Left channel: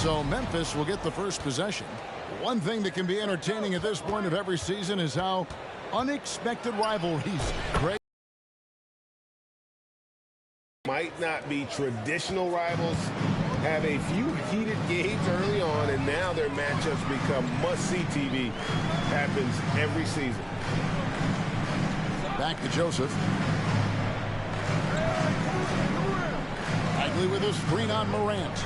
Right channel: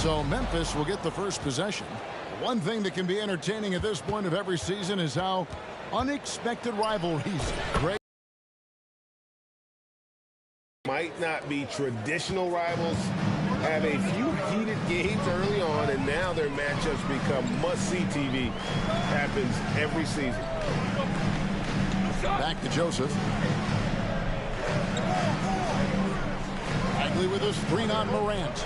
So Memphis will get the first possession. One thing that can be entertaining at this point of every season is how unexpected rivalries break. Might not be traditional rivals, have a few heated games early on, and now their matchups become must-see TV. Happens every season. Back to Joseph. Bagley with a screen on Morant.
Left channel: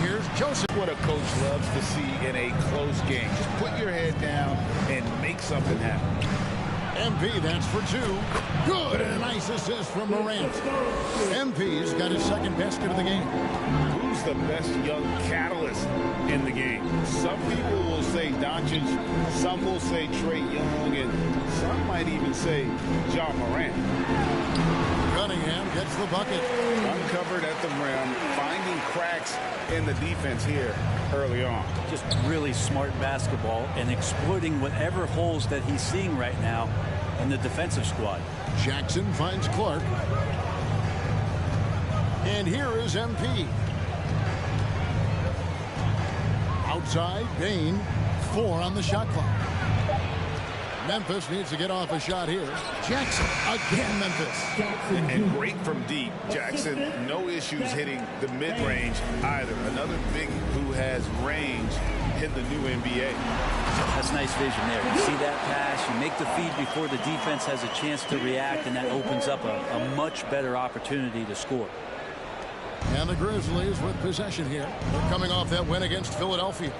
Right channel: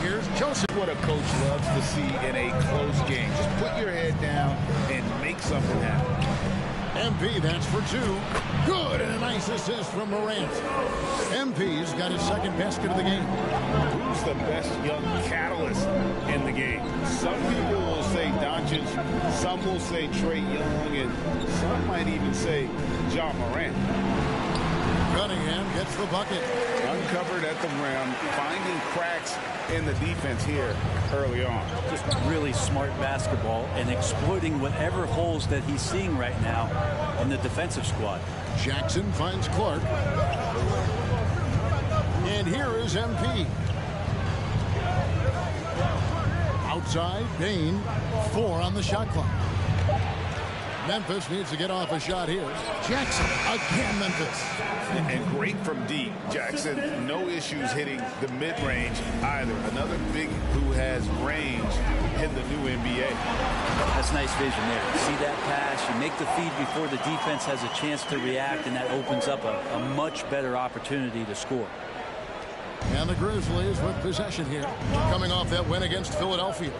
Here's Joseph. What a coach loves to see in a close game. Just put your head down and make something happen. MP, that's for two. Good, and a nice assist from Morant. MP's got his second basket of the game. Who's the best young catalyst in the game? Some people will say Doncic, some will say Trae Young, and some might even say Ja Morant. Cunningham gets the bucket. Uncovered at the rim, finding cracks in the defense here early on. Just really smart basketball and exploiting whatever holes that he's seeing right now in the defensive squad. Jackson finds Clark. And here is MP. Outside, Bain. 4 on the shot clock. Memphis needs to get off a shot here. Jackson, again Memphis. And great from deep. Jackson, no issues hitting the mid-range either. Another big who has range in the new NBA. That's nice vision there. You see that pass, you make the feed before the defense has a chance to react, and that opens up a much better opportunity to score. And the Grizzlies with possession here. They're coming off that win against Philadelphia.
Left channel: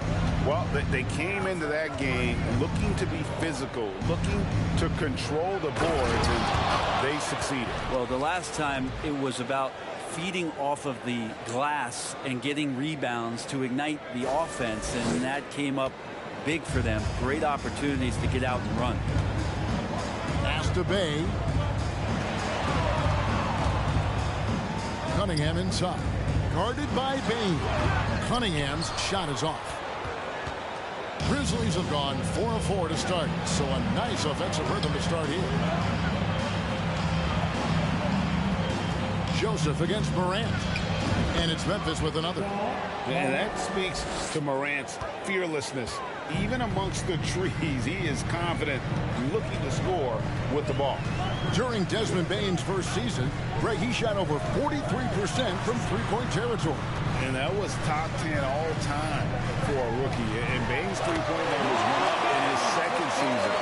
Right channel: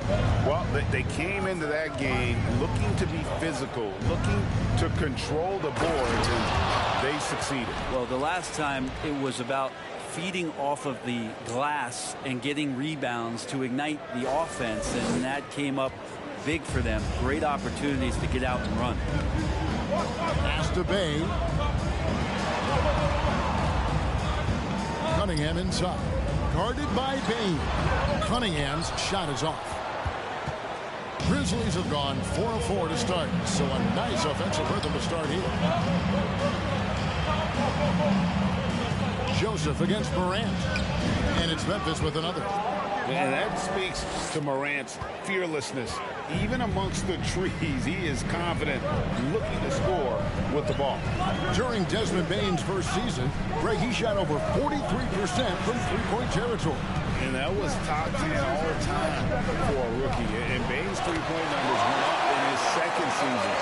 Well, they came into that game looking to be physical, looking to control the boards, and they succeeded. Well, the last time it was about feeding off of the glass and getting rebounds to ignite the offense, and that came up big for them. Great opportunities to get out and run. Pass to Bay. Cunningham inside. Guarded by Bain. Cunningham's shot is off. Grizzlies have gone 4 of 4 to start, so a nice offensive rhythm to start here. Joseph against Morant. And it's Memphis with another. And that speaks to Morant's fearlessness. Even amongst the trees, he is confident, looking to score with the ball. During Desmond Bain's first season, Greg, he shot over 43% from three-point territory. And that was top 10 all time for a rookie. And Bain's three-point numbers went up in his second season.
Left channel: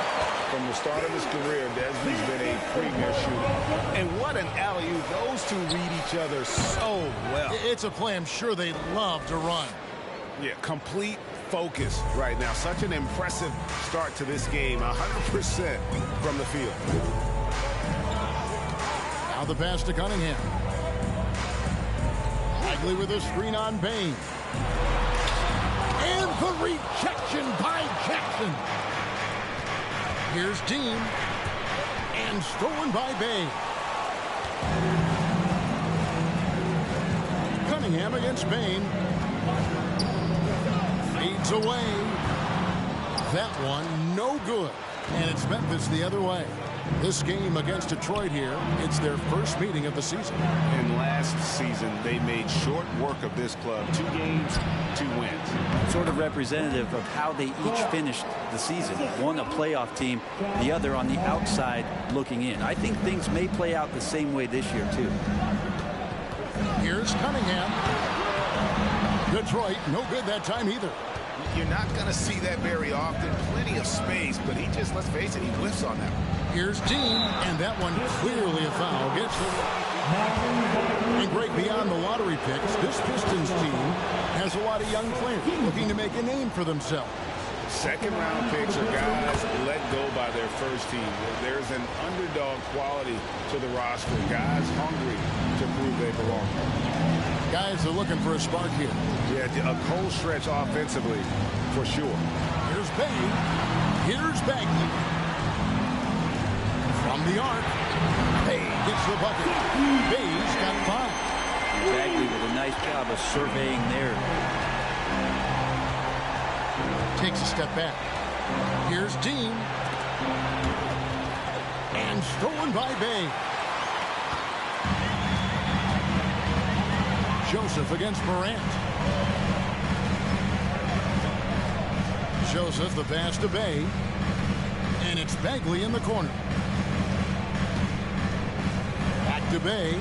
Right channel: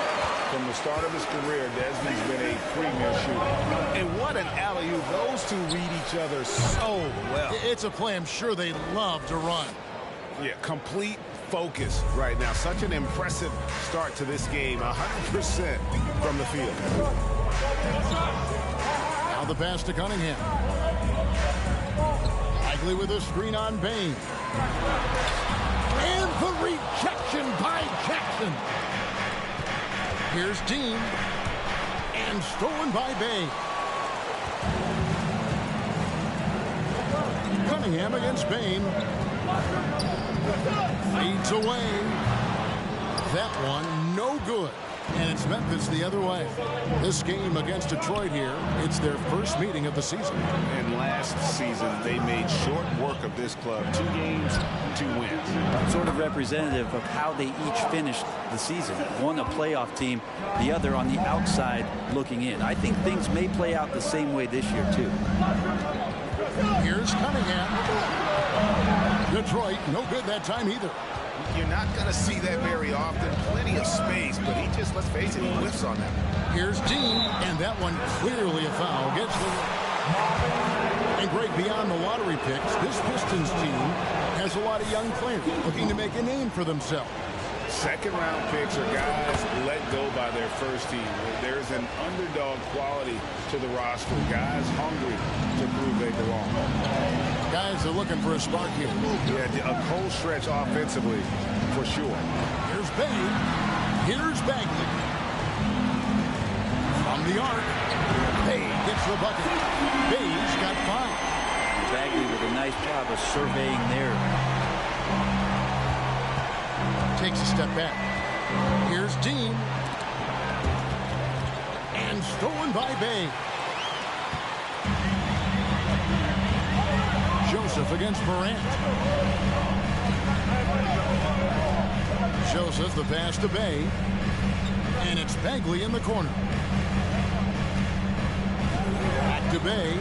From the start of his career, Desmond's been a premier shooter. And what an alley-oop. Those two read each other so well. It's a play I'm sure they love to run. Yeah, complete focus right now. Such an impressive start to this game. 100% from the field. Now the pass to Cunningham. Bagley with a screen on Bain. And the rejection by Jackson. Here's Dean. And stolen by Bay. Cunningham against Bain. Fades away. That one no good. And it's Memphis the other way. This game against Detroit here, it's their first meeting of the season. And last season, they made short work of this club. 2 games, 2 wins. Sort of representative of how they each finished the season. One a playoff team, the other on the outside looking in. I think things may play out the same way this year, too. Here's Cunningham. Detroit, no good that time either. You're not going to see that very often. Plenty of space, but he just, let's face it, he whiffs on that one. Here's Dean, and that one clearly a foul. Gets the... And Greg, beyond the lottery picks, this Pistons team has a lot of young players looking to make a name for themselves. Second-round picks are guys let go by their first team. There's an underdog quality to the roster. Guys hungry to prove they belong. Guys are looking for a spark here. Yeah, a cold stretch offensively, for sure. Here's Bay. Here's Bagley. From the arc. Bay gets the bucket. Bay's got 5. Bagley with a nice job of surveying there. Takes a step back. Here's Dean. And stolen by Bay. Joseph against Morant. Joseph, the pass to Bay. And it's Bagley in the corner. Back to Bay.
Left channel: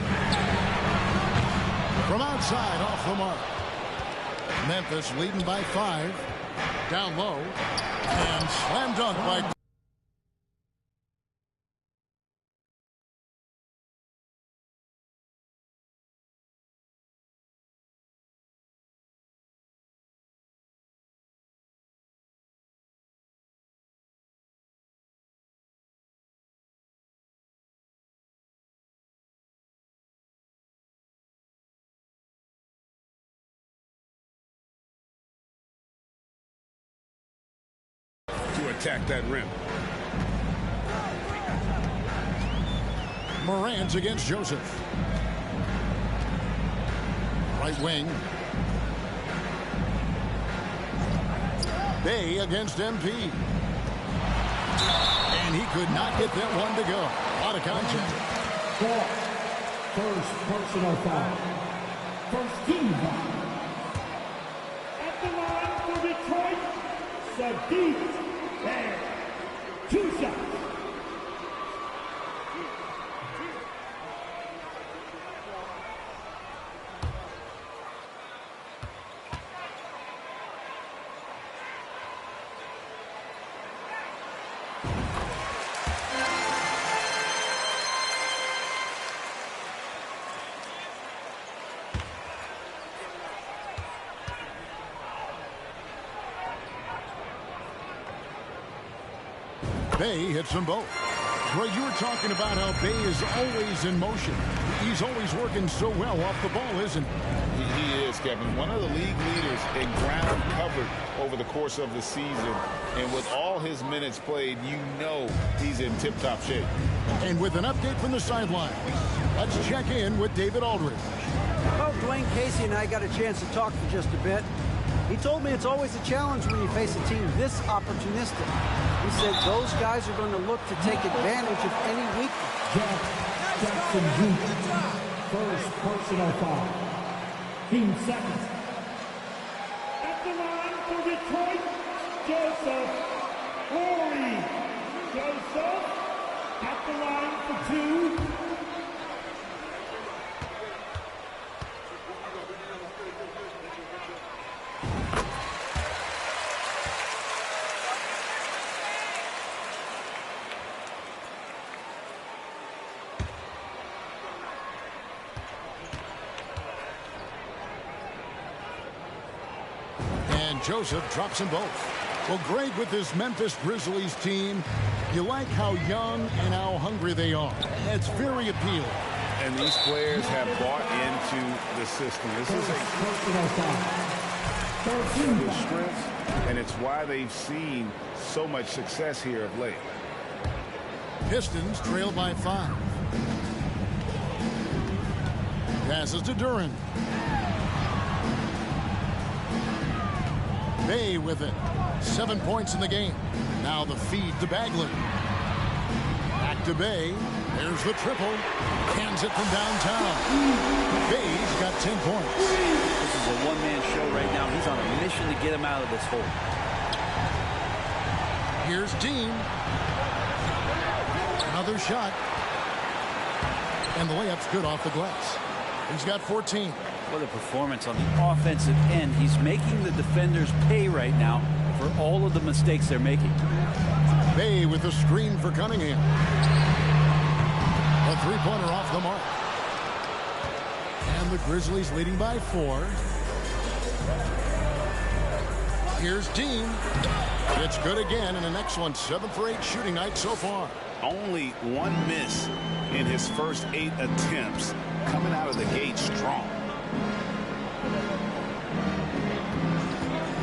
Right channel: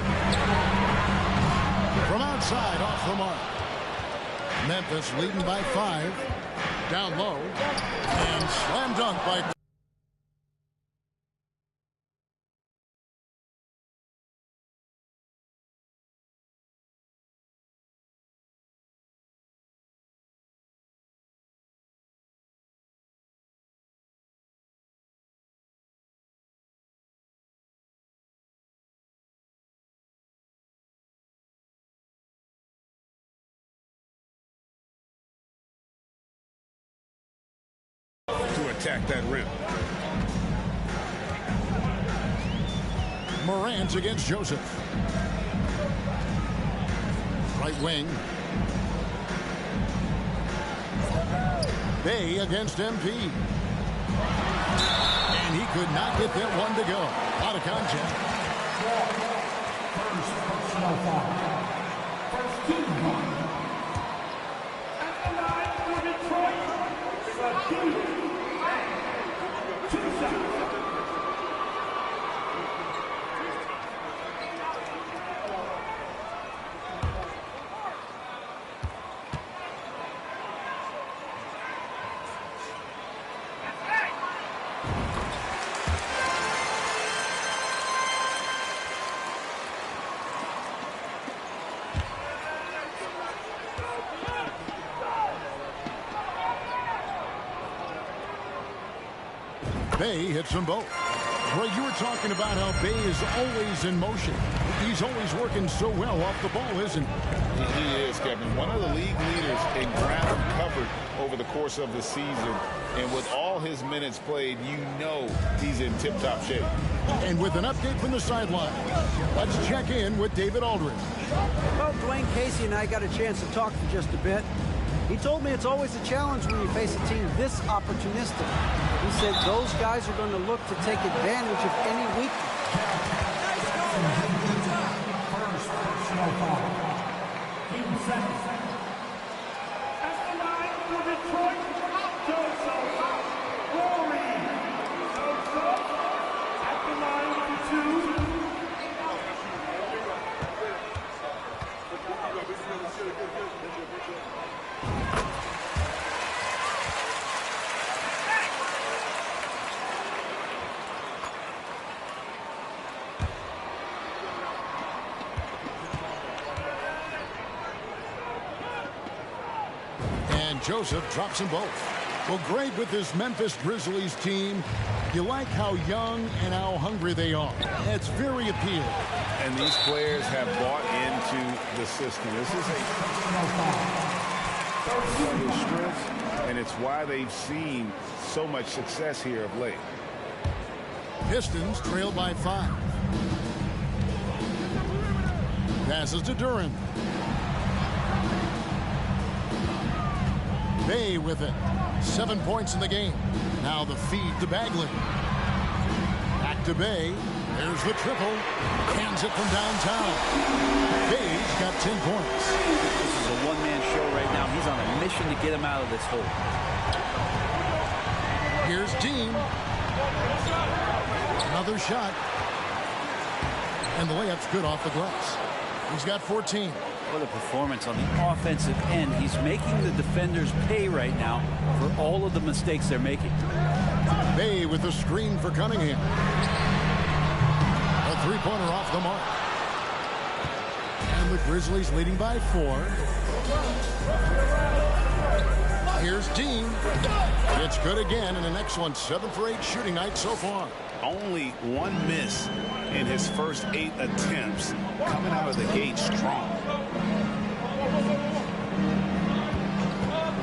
From outside, off the mark. Memphis leading by 5. Down low. And slam dunk by... to attack that rim. Morant against Joseph. Right wing. Bay against MP. And he could not get that one to go. A lot of contact. First personal foul. First team foul. At the line for Detroit, Sadiq. 2 shots. Bay hits them both. Greg, you were talking about how Bay is always in motion. He's always working so well off the ball, isn't he? He is, Kevin. One of the league leaders in ground covered over the course of the season. And with all his minutes played, you know he's in tip-top shape. And with an update from the sideline, let's check in with David Aldridge. Well, Dwayne Casey and I got a chance to talk for just a bit. He told me it's always a challenge when you face a team this opportunistic. He said those guys are going to look to take advantage of any weakness. Nice call, man. Good job. First personal foul. Team seconds. At the line for Detroit, Joseph. Rory. Joseph. At the line for 2. And Joseph drops them both. Well, Greg, with this Memphis Grizzlies team, you like how young and how hungry they are. It's very appealing. And these players have bought into the system. This is a strength, and it's why they've seen so much success here of late. Pistons trail by 5. Passes to Duran. Bay with it. 7 points in the game. Now the feed to Bagley. Back to Bay. There's the triple. Hands it from downtown. Bay's got 10 points. This is a one-man show right now. He's on a mission to get him out of this hole. Here's Dean. Another shot. And the layup's good off the glass. He's got 14. What a performance on the offensive end. He's making the defenders pay right now for all of the mistakes they're making. Bay with a screen for Cunningham. A three-pointer off the mark. And the Grizzlies leading by 4. Here's Dean. It's good again, and an excellent 7 for 8 shooting night so far. Only one miss in his first 8 attempts, coming out of the gate strong.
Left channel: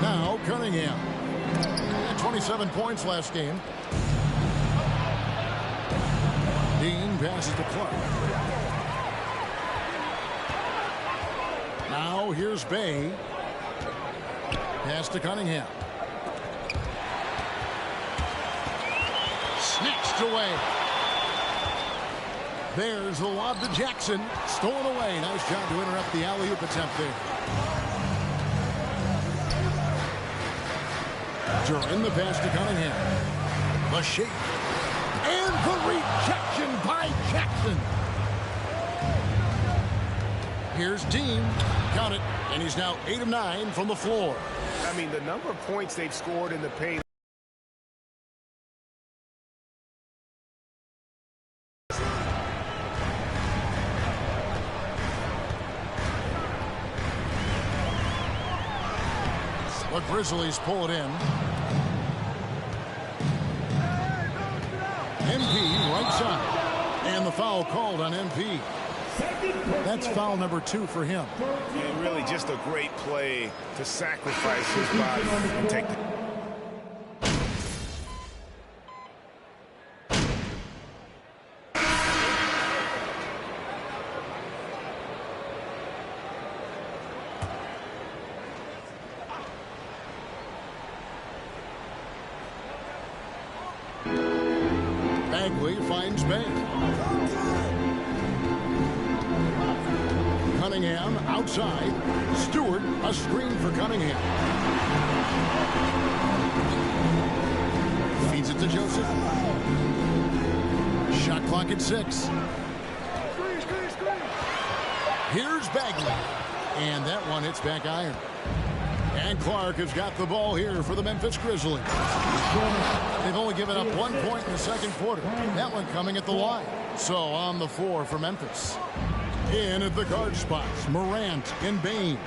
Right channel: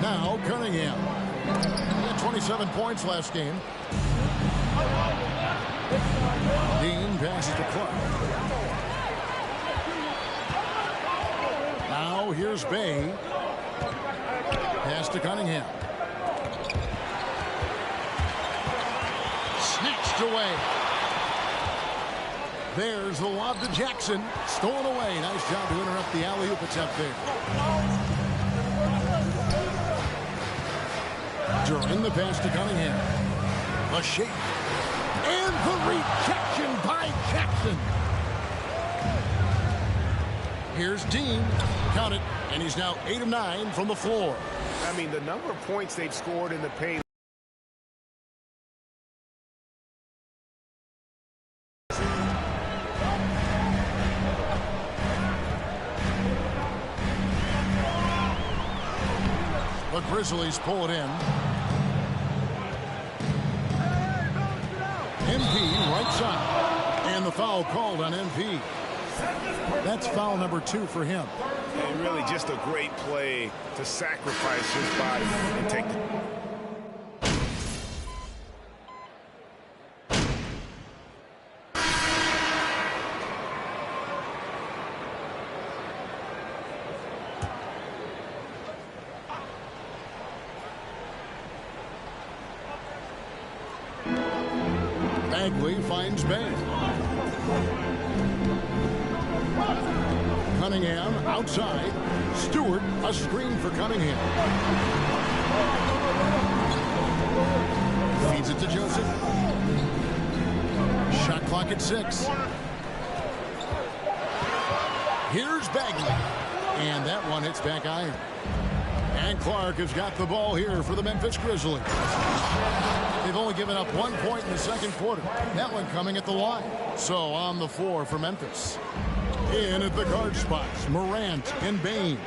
Now Cunningham. He had 27 points last game. Dean passes to Clark. Now here's Bay. Pass to Cunningham. Snatched away. There's the lob to Jackson. Stolen away. Nice job to interrupt the alley-oop attempt there. During the pass to Cunningham. The shake. And the rejection by Jackson. Here's Dean. Count it. And he's now 8 of 9 from the floor. I mean, the number of points they've scored in the paint. The Grizzlies pull it in. MP right side. And the foul called on MP. That's foul number 2 for him. And really just a great play to sacrifice his body and take the... Bagley finds Bay. Cunningham outside. Stewart, a screen for Cunningham. Feeds it to Joseph. Shot clock at 6. Here's Bagley. And that one hits back iron. And Clark has got the ball here for the Memphis Grizzlies. They've only given up 1 point in the second quarter. That one coming at the line. So on the floor for Memphis. In at the guard spots, Morant and Bain.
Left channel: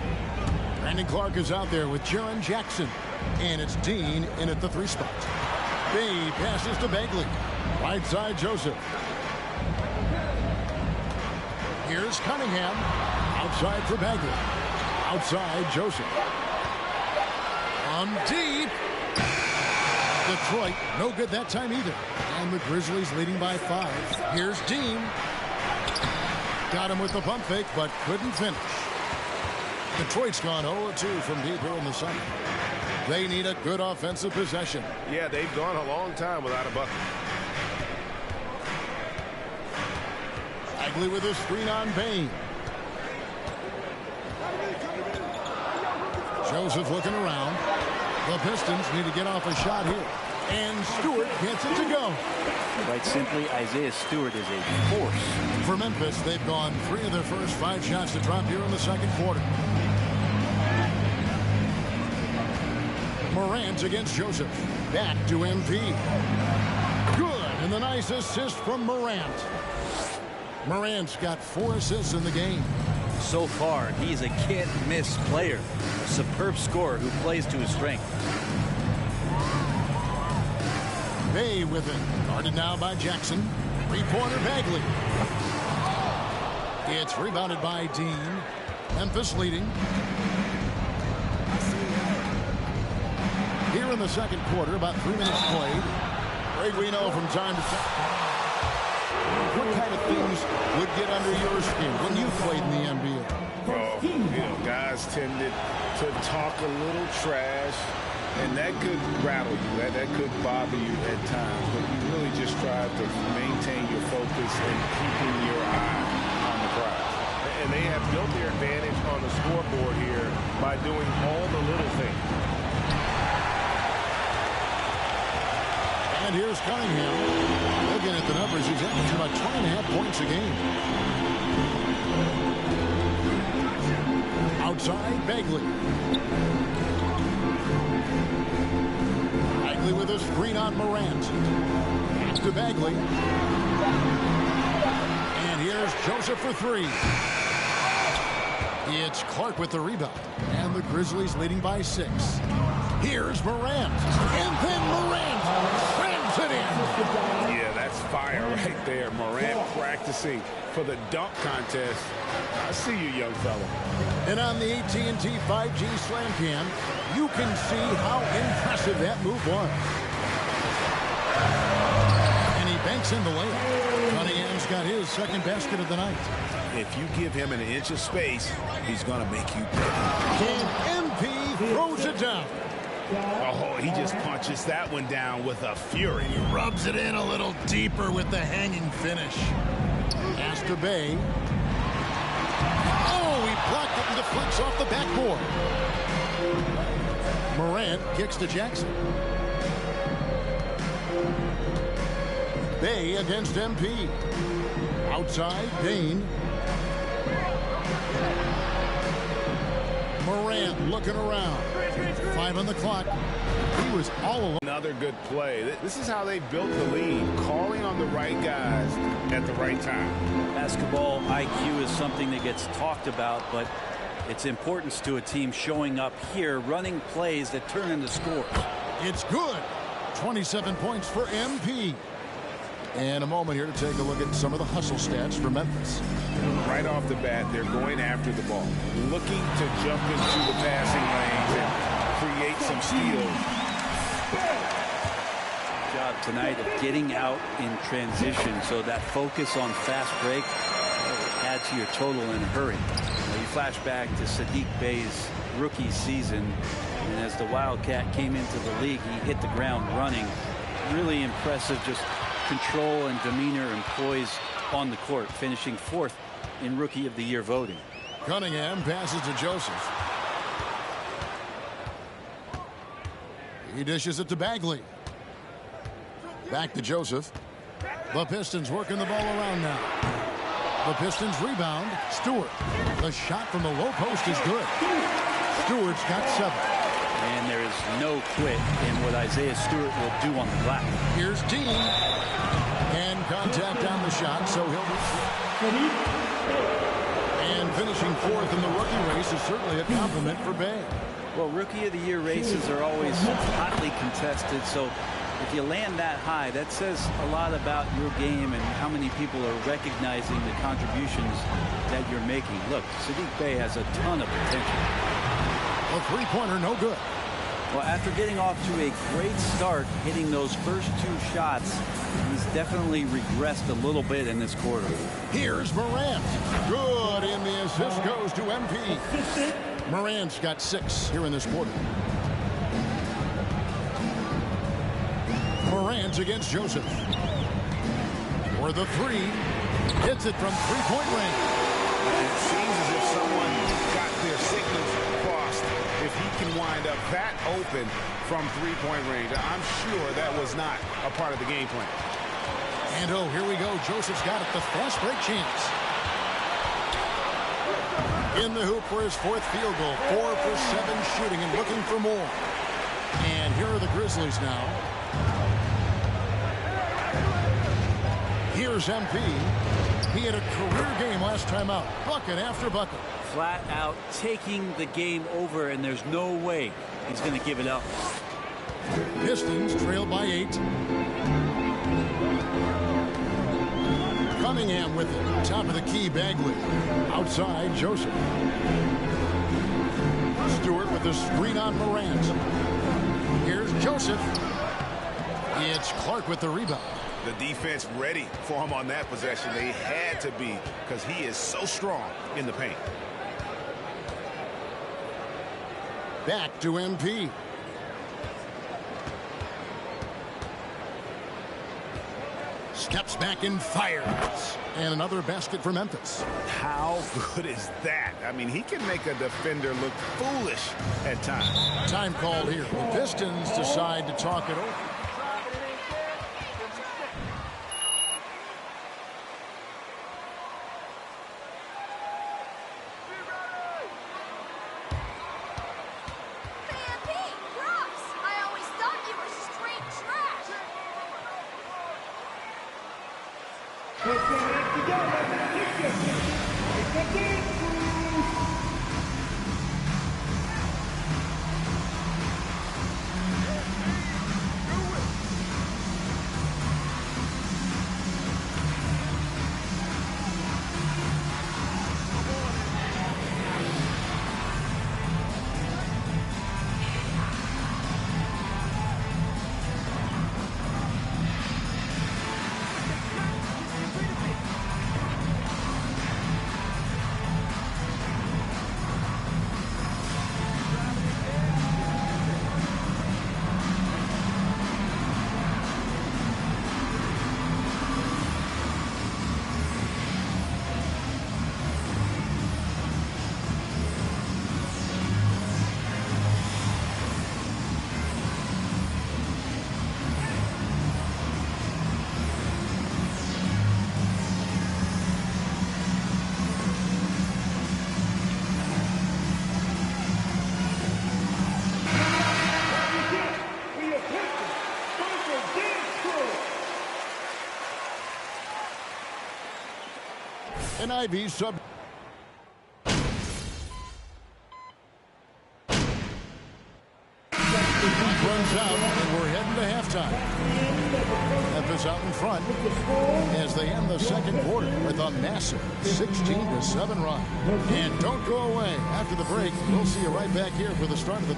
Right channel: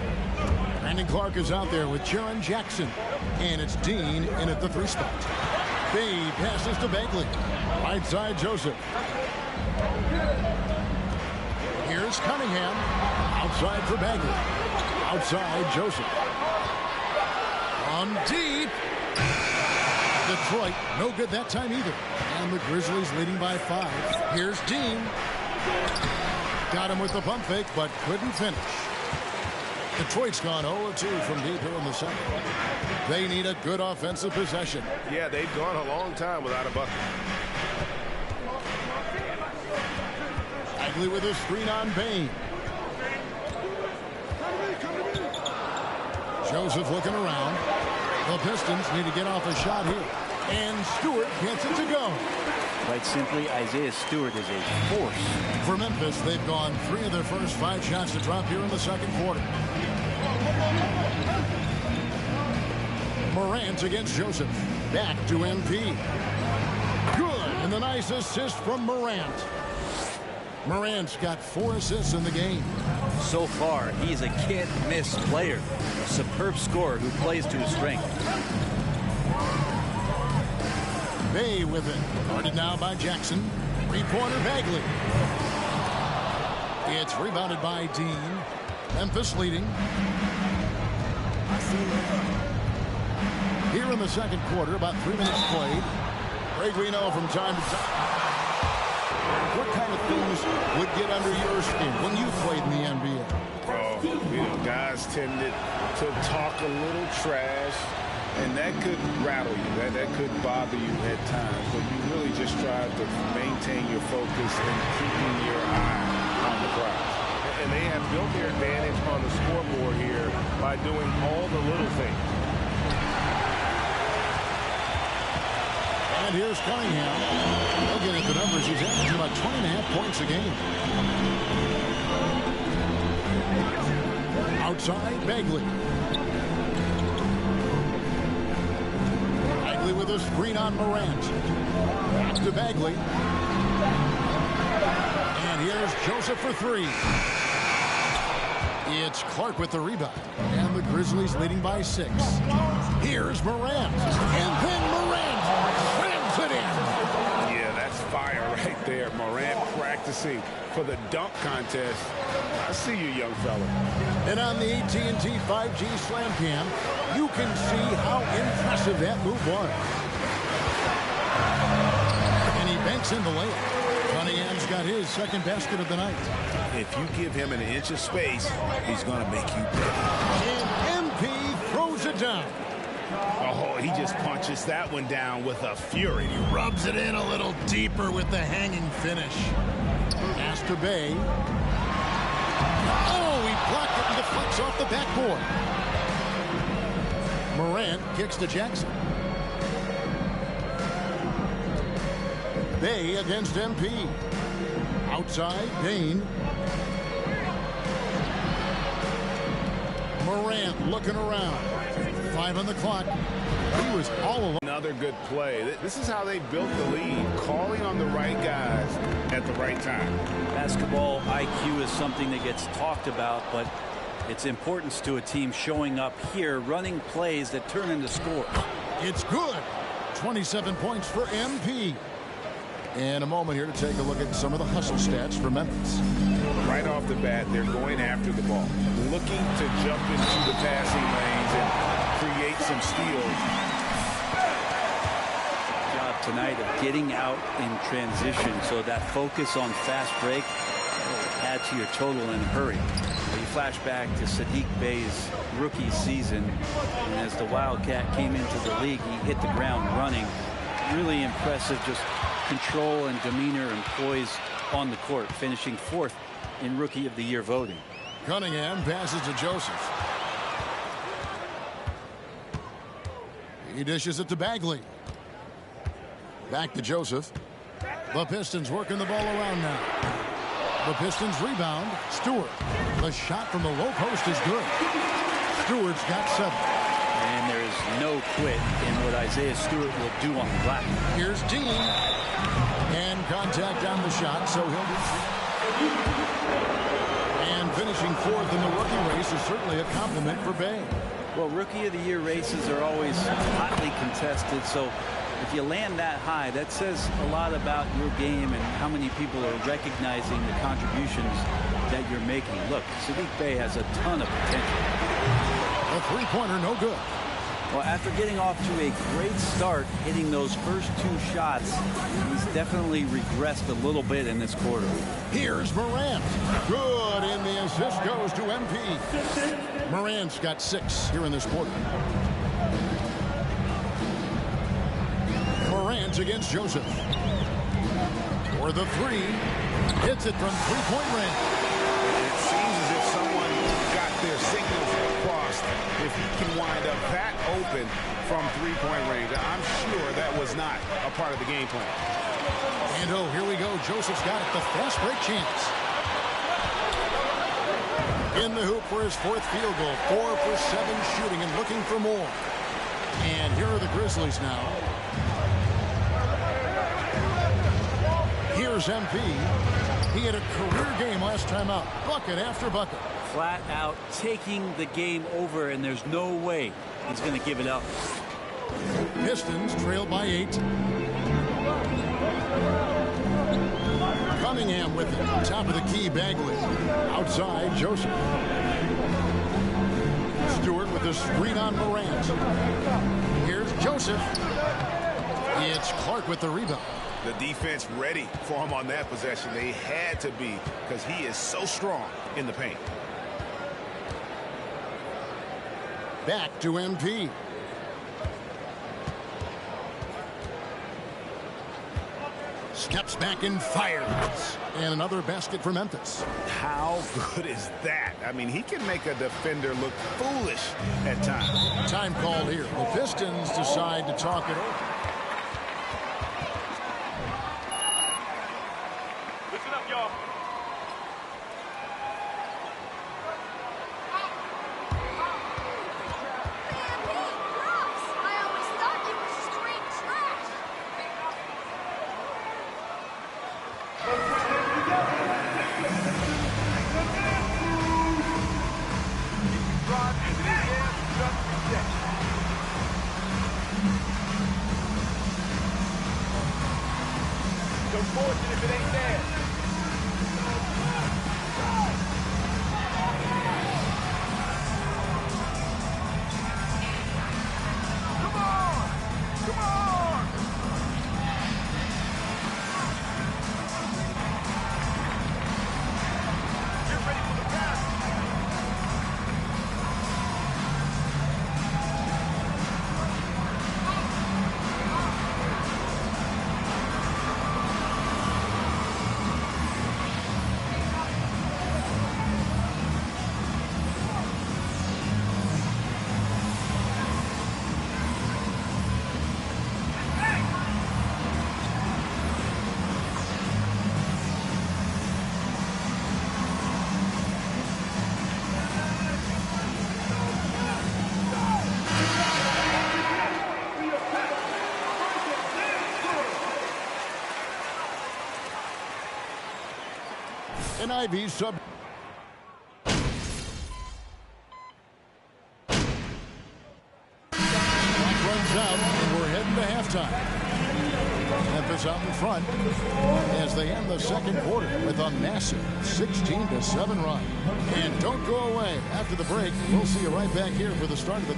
Brandon Clark is out there with Jaren Jackson. And it's Dean in at the 3 spot. Bay passes to Bagley. Right side, Joseph. Here's Cunningham. Outside for Bagley. Outside, Joseph. On deep. Detroit, no good that time either. And the Grizzlies leading by 5. Here's Dean. Got him with the pump fake, but couldn't finish. Detroit's gone 0-2 from deep here in the second. They need a good offensive possession. Yeah, they've gone a long time without a bucket. Bagley with a screen on Bain. Joseph looking around. The Pistons need to get off a shot here. And Stewart gets it to go. Quite simply, Isaiah Stewart is a force. For Memphis, they've gone 3 of their first 5 shots to drop here in the second quarter. Morant against Joseph. Back to MP. Good, and the nice assist from Morant. Morant's got 4 assists in the game. So far, he's a can't-miss player. A superb scorer who plays to his strength. Bay with it. Guarded now by Jackson. 3-pointer Bagley. It's rebounded by Dean. Memphis leading. Here in the second quarter, about 3 minutes played. Greg, we know from time to time. What kind of things would get under your skin when you played in the NBA? Oh, you know, guys tended to talk a little trash, and that could rattle you. That could bother you at times, but you really just try to maintain your focus and keeping your eye on the prize. And they have built their advantage on the scoreboard here by doing all the little things. And here's Cunningham. Looking at the numbers, he's averaging about 20.5 points a game. Outside, Bagley. Bagley with a screen on Morant. Back to Bagley. And here's Joseph for 3. It's Clark with the rebound. And the Grizzlies leading by 6. Here's Morant. And then Morant slams it in. Yeah, that's fire right there. Morant practicing for the dunk contest. I see you, young fella. And on the AT&T 5G Slam Cam, you can see how impressive that move was. And he banks in the layup. Cunningham's got his second basket of the night. If you give him an inch of space, he's going to make you pay. And MP throws it down. Oh, he just punches that one down with a fury. He rubs it in a little deeper with the hanging finish. Pass to Bay. Oh, he blocked it and deflects off the backboard. Morant kicks to Jackson. Bay against MP. Outside, Dane. Morant looking around. 5 on the clock. He was all alone. Another good play. This is how they built the lead, calling on the right guys at the right time. Basketball IQ is something that gets talked about, but its importance to a team showing up here, running plays that turn into scores. It's good. 27 points for MP. And a moment here to take a look at some of the hustle stats for Memphis. Right off the bat, they're going after the ball, looking to jump into the passing lanes and create some steals. Job tonight of getting out in transition, so that focus on fast break will add to your total in a hurry. Now you flash back to Saddiq Bey's rookie season, and as the Wildcat came into the league, he hit the ground running. Really impressive, just control and demeanor and poise on the court, finishing 4th in Rookie of the Year voting. Cunningham passes to Joseph. He dishes it to Bagley. Back to Joseph. The Pistons working the ball around now. The Pistons rebound. Stewart. The shot from the low post is good. Stewart's got 7. And there is no quit in what Isaiah Stewart will do on the glass. Here's Dean. And contact on the shot, so he'll be. And finishing 4th in the rookie race is certainly a compliment for Bey. Well, Rookie of the Year races are always hotly contested, so if you land that high, that says a lot about your game and how many people are recognizing the contributions that you're making. Look, Saddiq Bey has a ton of potential. A three-pointer, no good. Well, after getting off to a great start, hitting those first 2 shots, he's definitely regressed a little bit in this quarter. Here's Morant. Good, and the assist goes to MP. Morant's got 6 here in this quarter. Morant against Joseph. For the 3. Hits it from 3-point range. It seems as if someone got their signals crossed. If he can wind up that open from 3-point range, I'm sure that was not a part of the game plan. And oh, here we go. Joseph's got it. The fast break chance. In the hoop for his 4th field goal. 4 for 7 shooting and looking for more. And here are the Grizzlies now. Here's MP. He had a career game last time out. Bucket after bucket. Flat out taking the game over, and there's no way he's going to give it up. Pistons trail by 8. Cunningham with it. Top of the key, Bagley. Outside, Joseph. Stewart with the screen on Morant. Here's Joseph. It's Clark with the rebound. The defense ready for him on that possession. They had to be, because he is so strong in the paint. Back to MP. Steps back and fires. And another basket for Memphis. How good is that? I mean, he can make a defender look foolish at times. Time called here. The Pistons decide to talk it over. And Ivy sub. Clock runs out, and we're heading to halftime. Memphis out in front as they end the second quarter with a massive 16-7 run. And don't go away. After the break, we'll see you right back here for the start of the...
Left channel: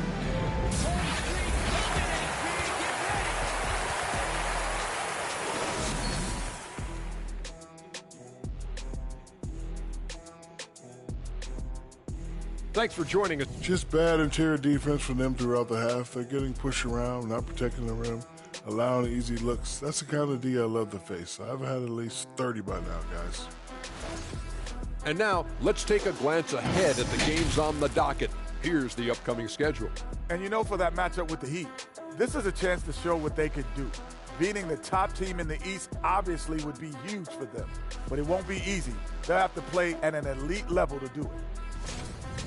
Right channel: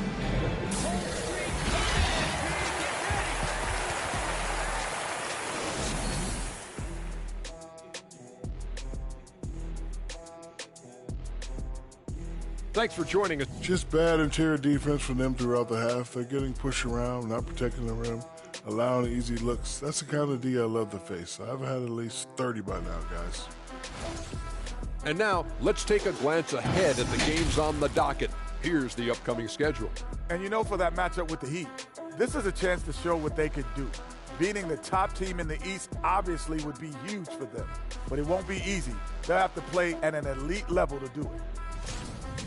Thanks for joining us. Just bad interior defense from them throughout the half. They're getting pushed around, not protecting the rim, allowing easy looks. That's the kind of D I love to face. I've had at least 30 by now, guys. And now, let's take a glance ahead at the games on the docket. Here's the upcoming schedule. And you know, for that matchup with the Heat, this is a chance to show what they could do. Beating the top team in the East obviously would be huge for them, but it won't be easy. They'll have to play at an elite level to do it.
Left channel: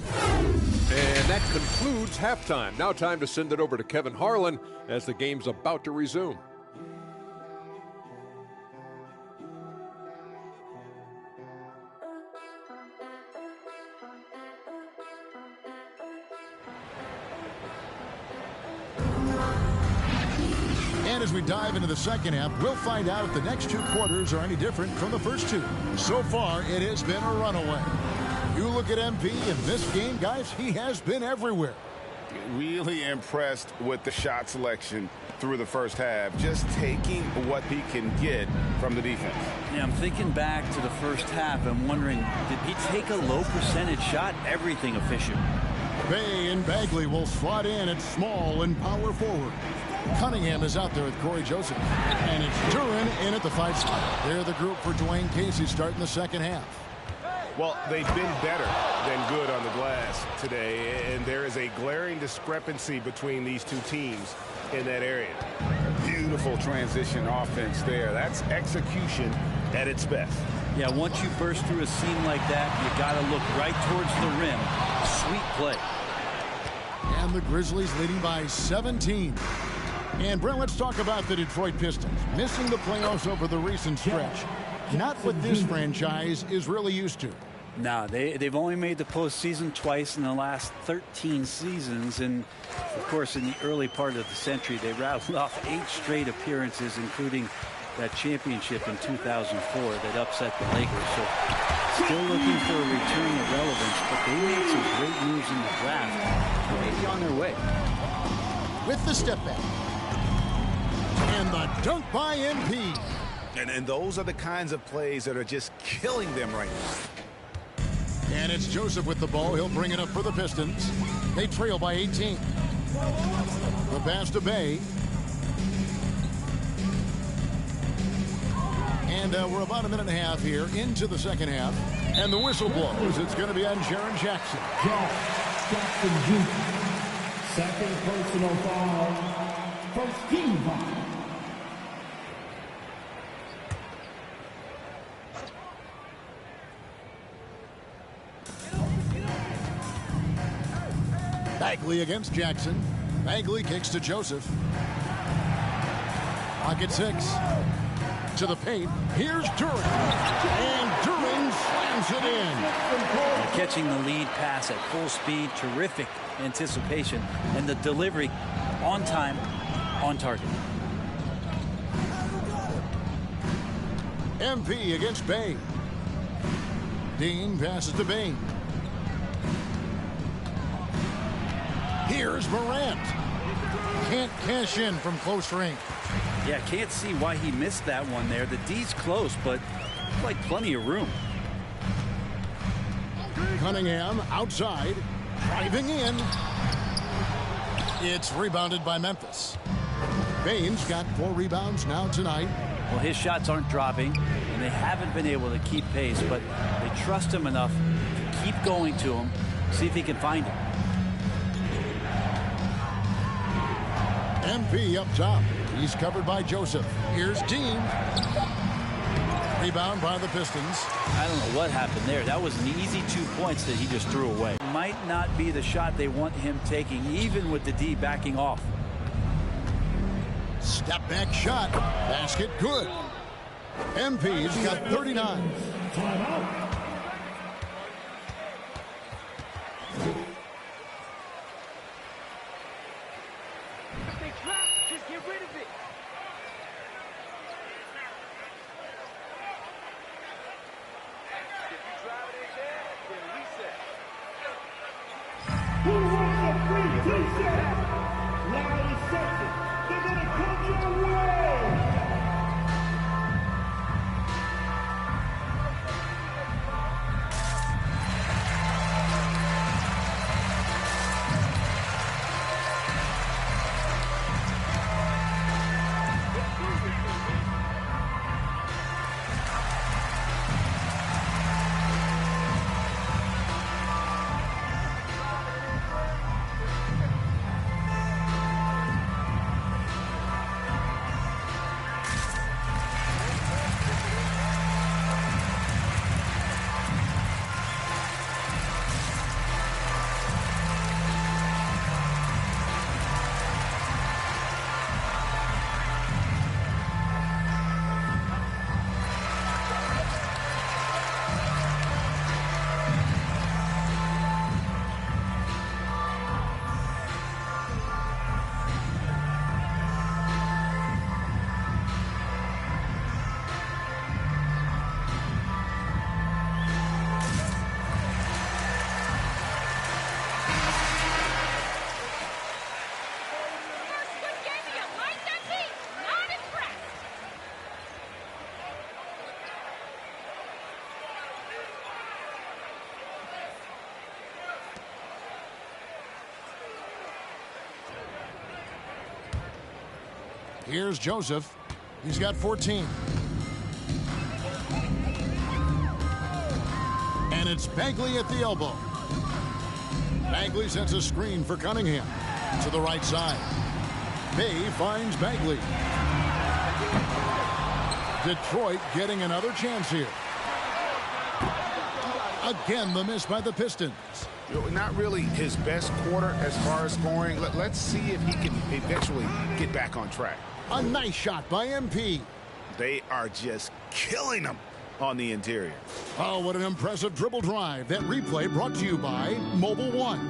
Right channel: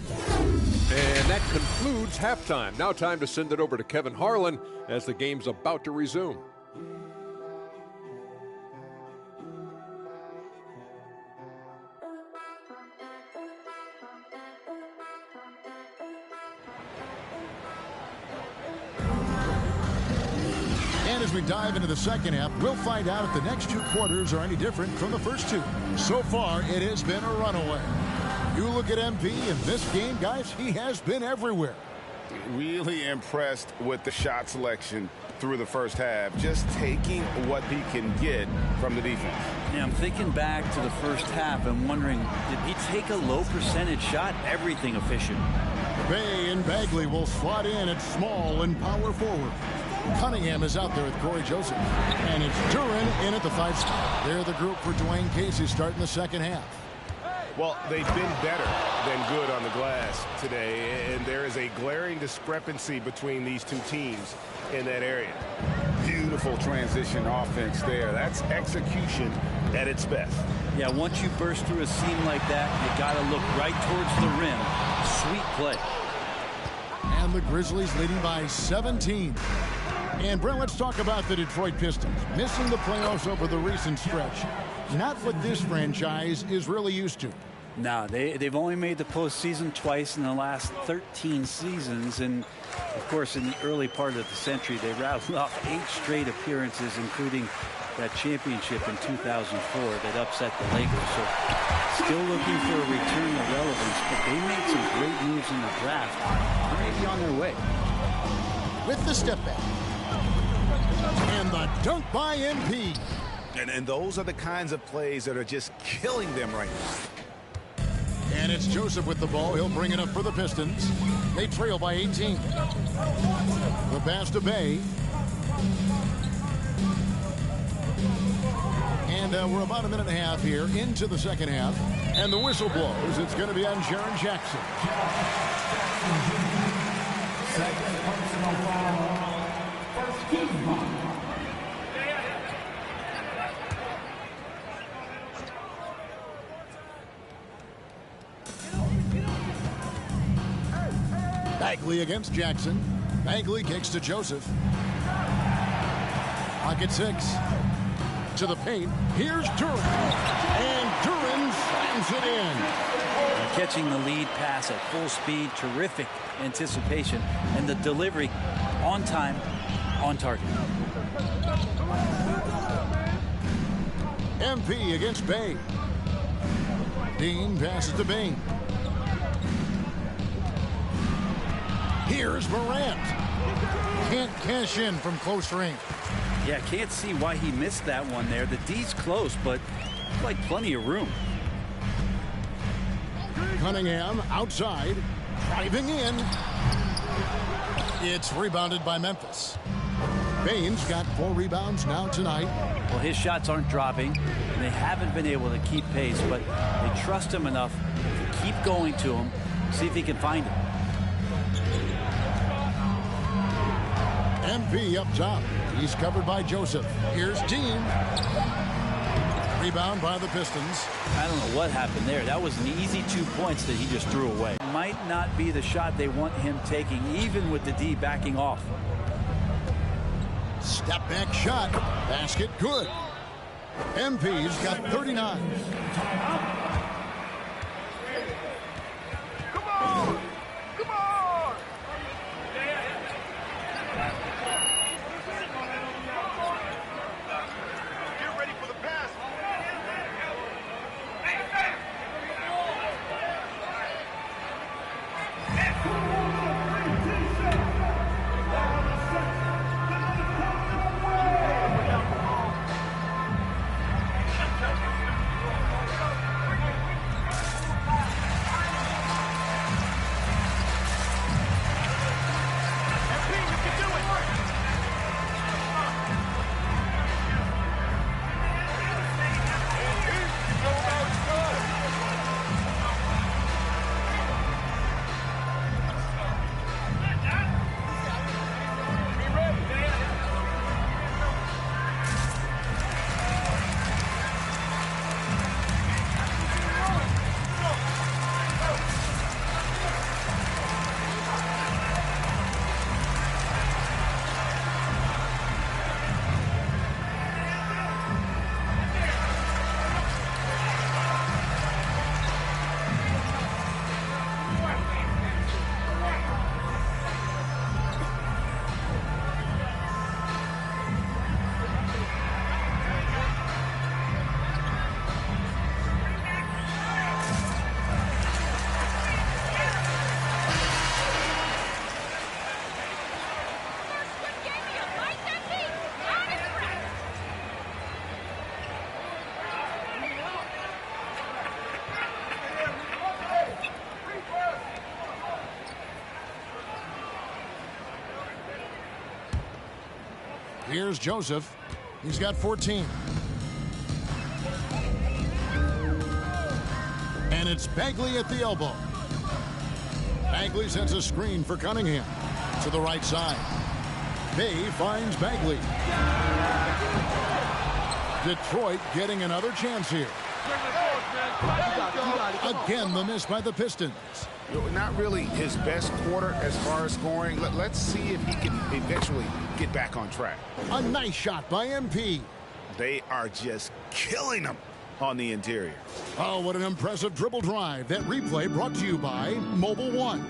And that concludes halftime. Now time to send it over to Kevin Harlan as the game's about to resume. And as we dive into the second half, we'll find out if the next two quarters are any different from the first two. So far, it has been a runaway. You look at MP in this game, guys, he has been everywhere. Really impressed with the shot selection through the first half, just taking what he can get from the defense. Yeah, I'm thinking back to the first half and wondering, did he take a low percentage shot? Everything efficient. Bay and Bagley will slot in at small and power forward. Cunningham is out there with Corey Joseph. And it's Duren in at the 5 spot. They're the group for Dwayne Casey starting the second half. Well, they've been better than good on the glass today, and there is a glaring discrepancy between these two teams in that area. Beautiful transition offense there. That's execution at its best. Yeah, once you burst through a seam like that, you got to look right towards the rim. Sweet play. And the Grizzlies leading by 17. And Brent, let's talk about the Detroit Pistons. Missing the playoffs over the recent stretch. Not what this franchise is really used to. No, they've only made the postseason twice in the last 13 seasons. And, of course, in the early part of the century, they rattled off 8 straight appearances, including that championship in 2004 that upset the Lakers. So still looking for a return of relevance, but they made some great moves in the draft. They may be on their way. With the step back. And the dunk by MP. And those are the kinds of plays that are just killing them right now. And it's Joseph with the ball. He'll bring it up for the Pistons. They trail by 18. The pass to Bay. And we're about a minute and a half here into the second half. And the whistle blows. It's going to be on Jaren Jackson. Jackson Jr. Second personal foul. First team foul. Bagley against Jackson. Bagley kicks to Joseph. Pocket 6. To the paint. Here's Duren. And Duren slams it in. Catching the lead pass at full speed. Terrific anticipation. And the delivery on time, on target. MP against Bay. Dean passes to Bain. Here's Morant. Can't cash in from close range. Yeah, can't see why he missed that one there. The D's close, but like plenty of room. Cunningham outside, driving in. It's rebounded by Memphis. Bain's got 4 rebounds now tonight. Well, his shots aren't dropping, and they haven't been able to keep pace, but they trust him enough to keep going to him, see if he can find it. MP up top. He's covered by Joseph. Here's Dean. Rebound by the Pistons. I don't know what happened there. That was an easy 2 points that he just threw away. Might not be the shot they want him taking, even with the D backing off. Step back shot. Basket good. MP's got 39. Here's Joseph. He's got 14. And it's Bagley at the elbow. Bagley sends a screen for Cunningham to the right side. Bay finds Bagley. Detroit getting another chance here. Again, the miss by the Pistons. Not really his best quarter as far as scoring. Let's see if he can eventually get back on track. A nice shot by MP. They are just killing him on the interior. Oh, what an impressive dribble drive. That replay brought to you by Mobile One.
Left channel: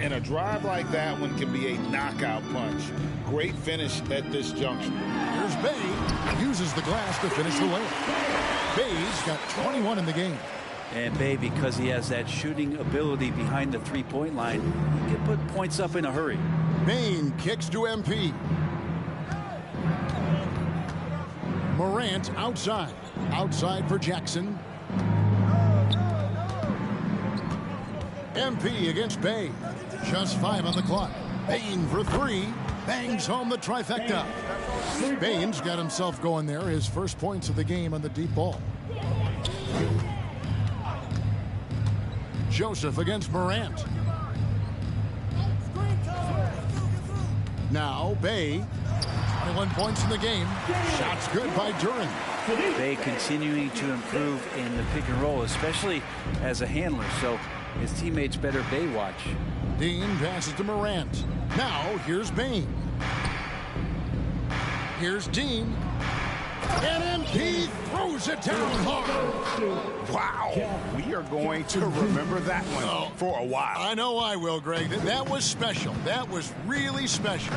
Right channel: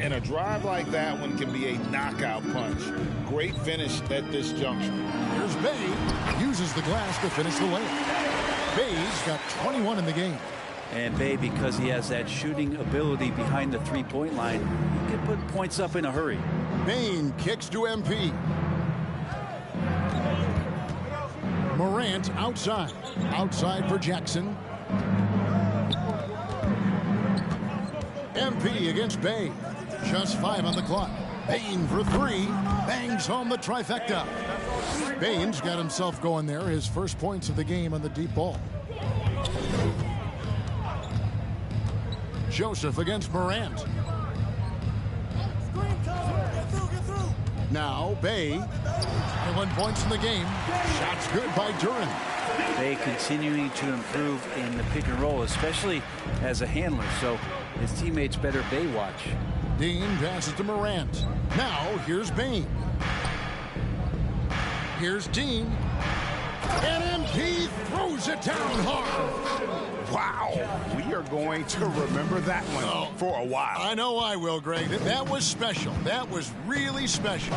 And a drive like that one can be a knockout punch. Great finish at this juncture. Here's Bay. Uses the glass to finish the layup. Bay's got 21 in the game. And Bay, because he has that shooting ability behind the three-point line, he can put points up in a hurry. Bain kicks to MP. Morant outside. Outside for Jackson. MP against Bay. Just 5 on the clock. Bain for 3. Bangs home the trifecta. Bain's got himself going there. His first points of the game on the deep ball. Joseph against Morant. Now Bay. 21 points in the game. Shots good by Duren. Bay continuing to improve in the pick and roll, especially as a handler. So his teammates better Bay watch. Dean passes to Morant. Now here's Bain. Here's Dean. And MP throws it down hard. Wow. We are going to remember that one for a while. I know I will, Greg. That was special. That was really special.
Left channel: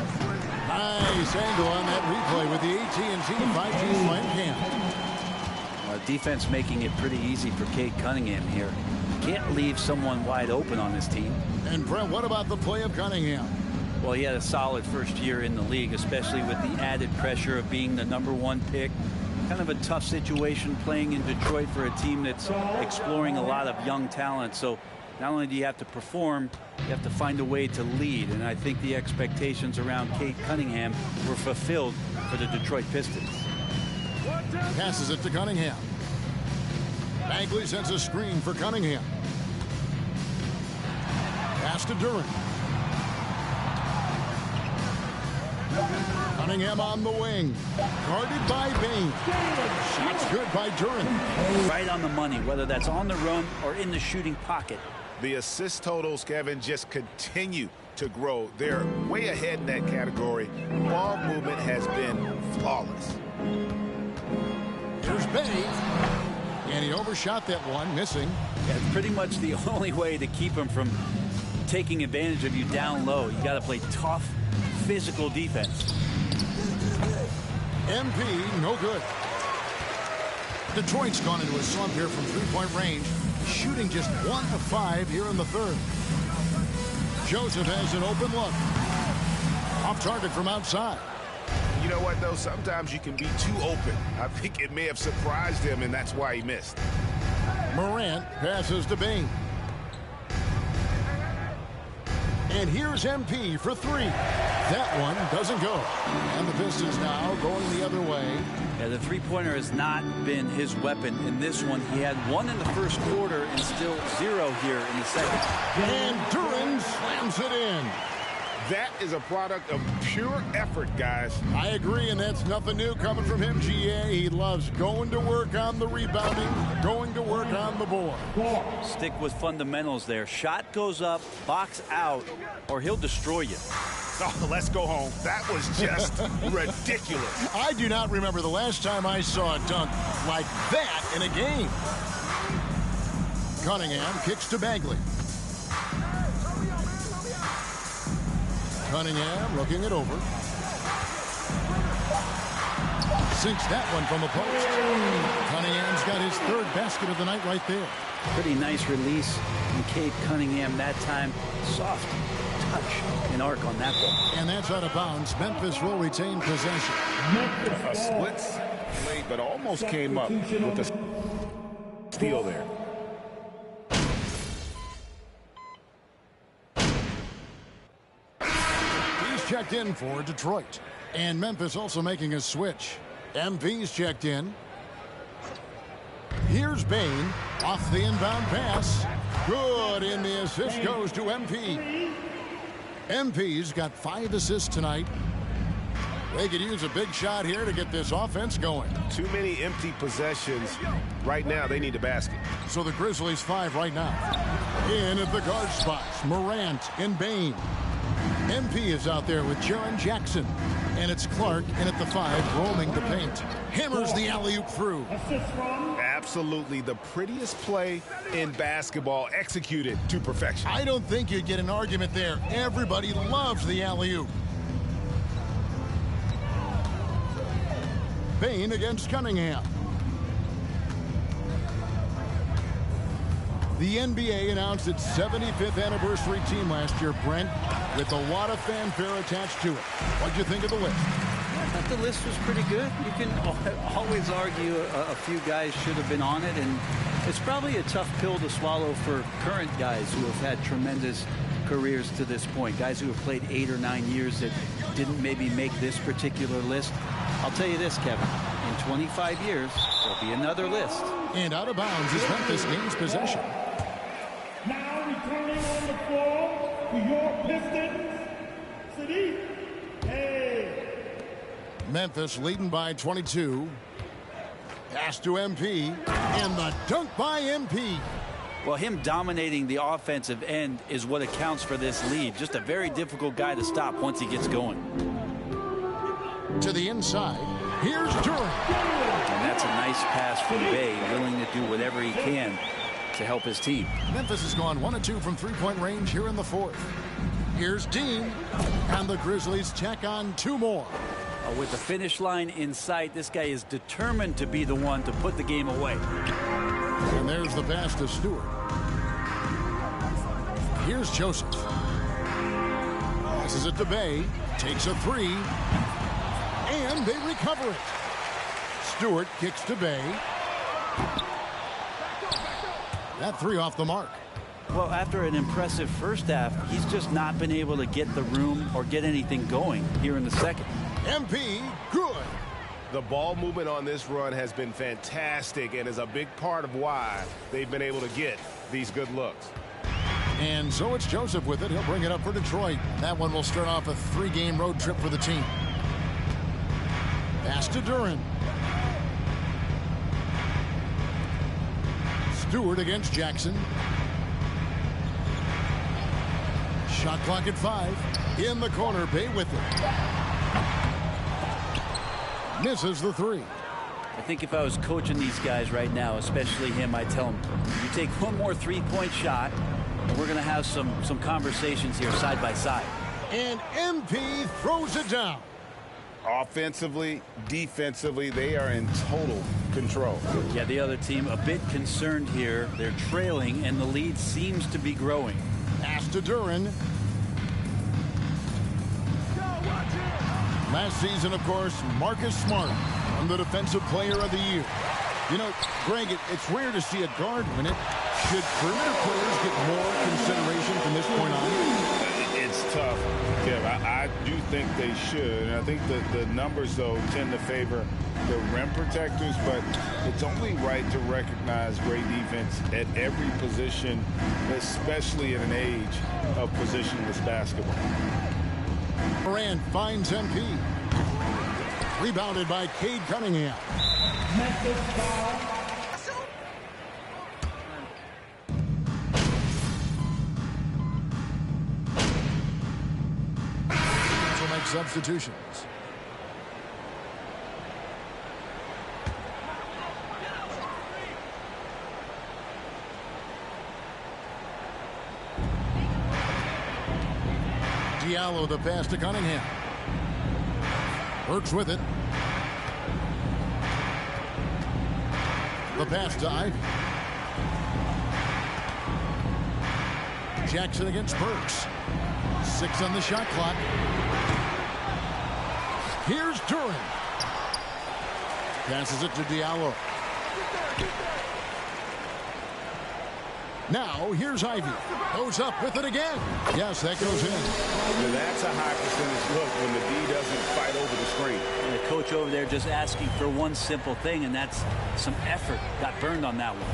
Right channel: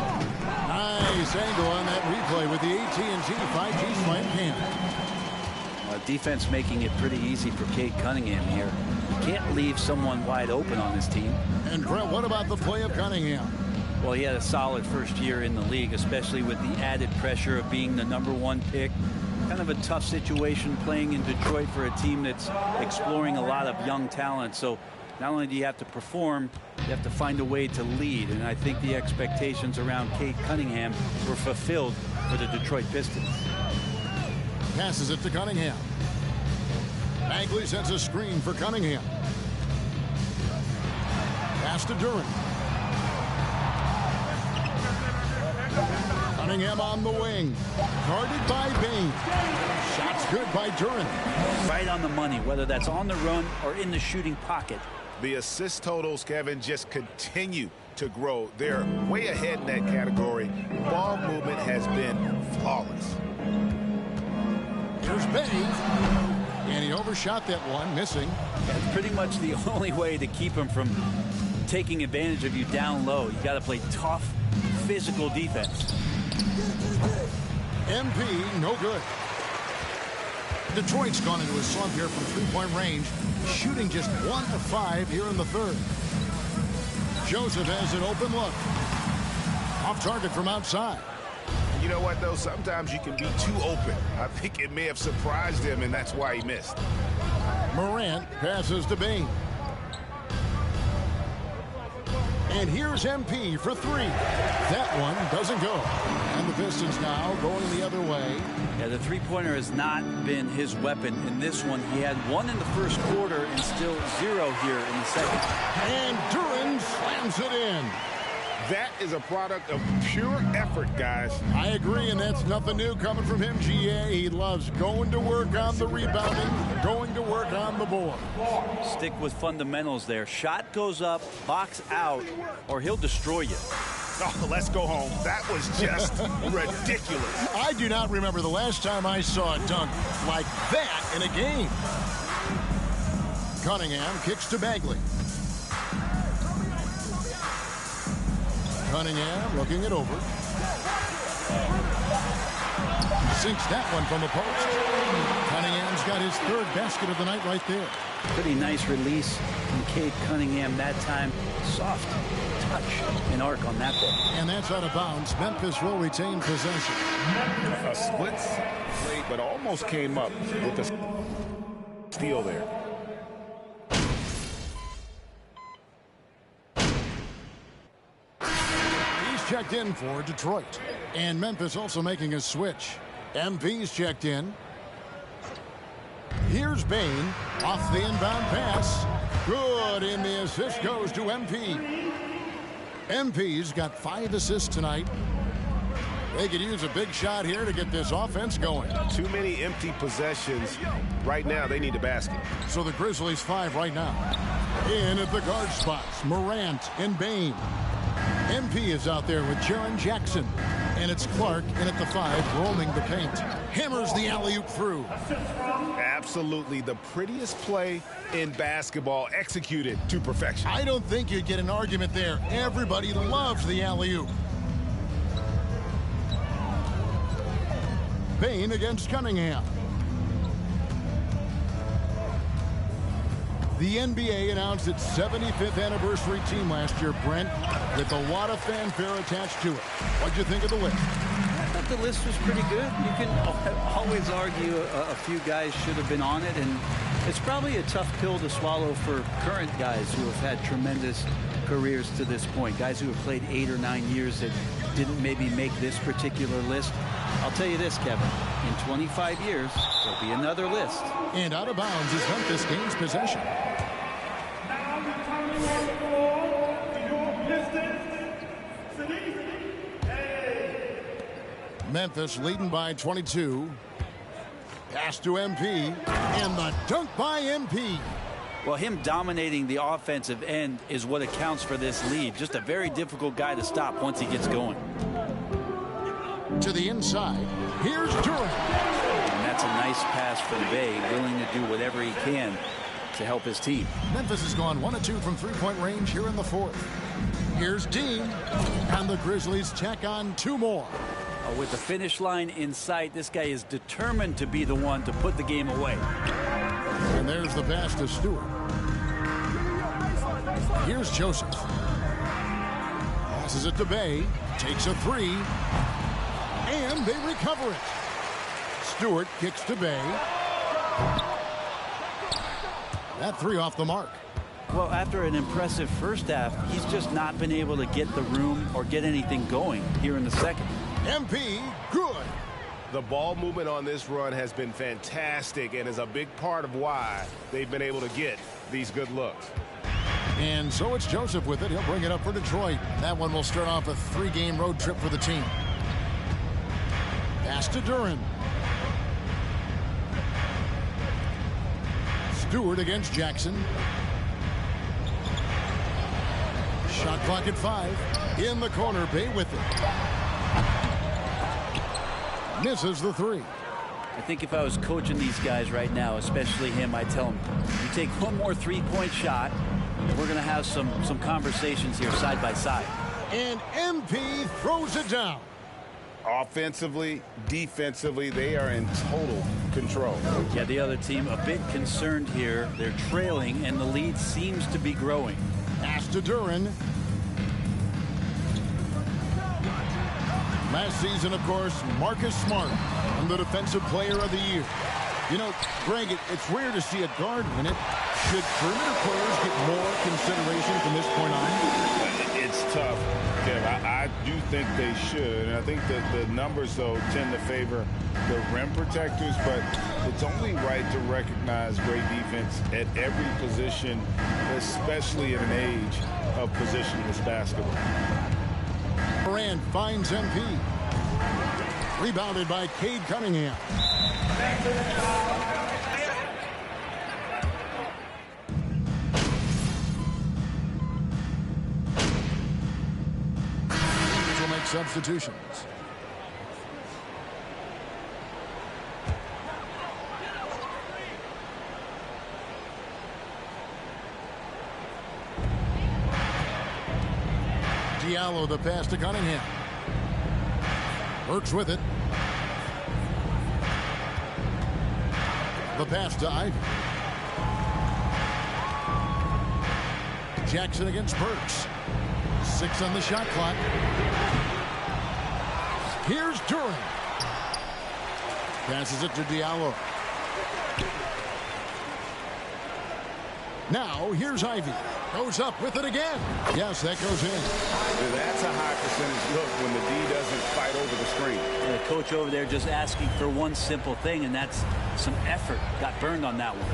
Nice angle on that replay with the AT&T 5G Slam Cam. Defense making it pretty easy for Cade Cunningham here. Can't leave someone wide open on this team. And Brett, what about the play of Cunningham? Well, he had a solid first year in the league, especially with the added pressure of being the #1 pick. Kind of a tough situation playing in Detroit for a team that's exploring a lot of young talent. So not only do you have to perform, you have to find a way to lead. And I think the expectations around Cade Cunningham were fulfilled for the Detroit Pistons. Passes it to Cunningham. Bagley sends a screen for Cunningham. Pass to Duren. Cunningham on the wing. Guarded by Bain. Shots good by Duren. Right on the money, whether that's on the run or in the shooting pocket. The assist totals, Kevin, just continue to grow. They're way ahead in that category. Ball movement has been flawless. Here's Bay. And he overshot that one, missing. That's pretty much the only way to keep him from taking advantage of you down low. You got to play tough, physical defense. MP, no good. Detroit's gone into a slump here from three-point range, shooting just 1 of 5 here in the third. Joseph has an open look. Off target from outside. You know what, though? Sometimes you can be too open. I think it may have surprised him, and that's why he missed. Morant passes to Bain. And here's MP for 3. That one doesn't go. And the Pistons now going the other way. Yeah, the three-pointer has not been his weapon in this one. He had 1 in the first quarter and still 0 here in the second. And Duren slams it in. That is a product of pure effort, guys. I agree, and that's nothing new coming from him, GA. He loves going to work on the rebounding, going to work on the board. Stick with fundamentals there. Shot goes up, box out, or he'll destroy you. Oh, let's go home. That was just ridiculous. I do not remember the last time I saw a dunk like that in a game. Cunningham kicks to Bagley. Cunningham looking it over. Sinks that one from the post. Cunningham's got his 3rd basket of the night right there. Pretty nice release from Cade Cunningham that time. Soft touch and arc on that ball. And that's out of bounds. Memphis will retain possession. A split play, but almost came up with a steal there. He's checked in for Detroit. And Memphis also making a switch. MP's checked in. Here's Bain off the inbound pass. Good, and the assist goes to MP. MP's got 5 assists tonight. They could use a big shot here to get this offense going. Too many empty possessions. Right now, they need a basket. So the Grizzlies 5 right now. In at the guard spots, Morant and Bain. MP is out there with Jaren Jackson. And it's Clark in at the 5, roaming the paint. Hammers the alley-oop through. Absolutely the prettiest play in basketball, executed to perfection. I don't think you'd get an argument there. Everybody loves the alley-oop. Bain against Cunningham. The NBA announced its 75th anniversary team last year, Brent, with a lot of fanfare attached to it. What'd you think of the list? I thought the list was pretty good. You can always argue a few guys should have been on it, and it's probably a tough pill to swallow for current guys who have had tremendous careers to this point. Guys who have played 8 or 9 years that didn't maybe make this particular list. I'll tell you this, Kevin. In 25 years, there'll be another list. And out of bounds as Memphis gains possession. Now returning on the floor to your Pistons, Sadiq. Hey. Memphis leading by 22. Pass to MP. And the dunk by MP. Well, him dominating the offensive end is what accounts for this lead. Just a very difficult guy to stop once he gets going. To the inside, here's Duran. And that's a nice pass from Bay, willing to do whatever he can to help his team. Memphis has gone 1 of 2 from three-point range here in the 4th. Here's Dean, and the Grizzlies check on 2 more. With the finish line in sight, this guy is determined to be the one to put the game away. And there's the pass to Stewart. Here's Joseph. Passes it to Bay, takes a 3. And they recover it. Stewart kicks to Bay. That 3 off the mark. Well, after an impressive first half, he's just not been able to get the room or get anything going here in the second. MP, good. The ball movement on this run has been fantastic and is a big part of why they've been able to get these good looks. And so it's Joseph with it. He'll bring it up for Detroit. That one will start off a 3-game road trip for the team. Pass to Duran. Stewart against Jackson. Shot clock at 5. In the corner, Bay with it. Misses the 3. I think if I was coaching these guys right now, especially him, I'd tell him, you take one more 3-point shot, and we're going to have some conversations here side by side. And MP throws it down. Offensively, defensively, they are in total control. Yeah, the other team a bit concerned here. They're trailing, and the lead seems to be growing. Pass to Duran. Last season, of course, Marcus Smart won the Defensive Player of the Year. You know, Greg, it's rare to see a guard win it. Should perimeter players get more consideration from this point on? It's tough, Kev. I do think they should. And I think that the numbers, though, tend to favor the rim protectors. But it's only right to recognize great defense at every position, especially in an age of positionless basketball. Moran finds MP. Rebounded by Cade Cunningham. Teams will make substitutions. Diallo the pass to Cunningham. Works with it. The pass to Ivy. Jackson against Burks. 6 on the shot clock. Here's Duran. Passes it to Diallo. Now here's Ivy. Goes up with it again. Yes, that goes in. That's a high percentage look when the D doesn't fight over the screen. And the coach over there just asking for one simple thing, and that's some effort. Got burned on that one.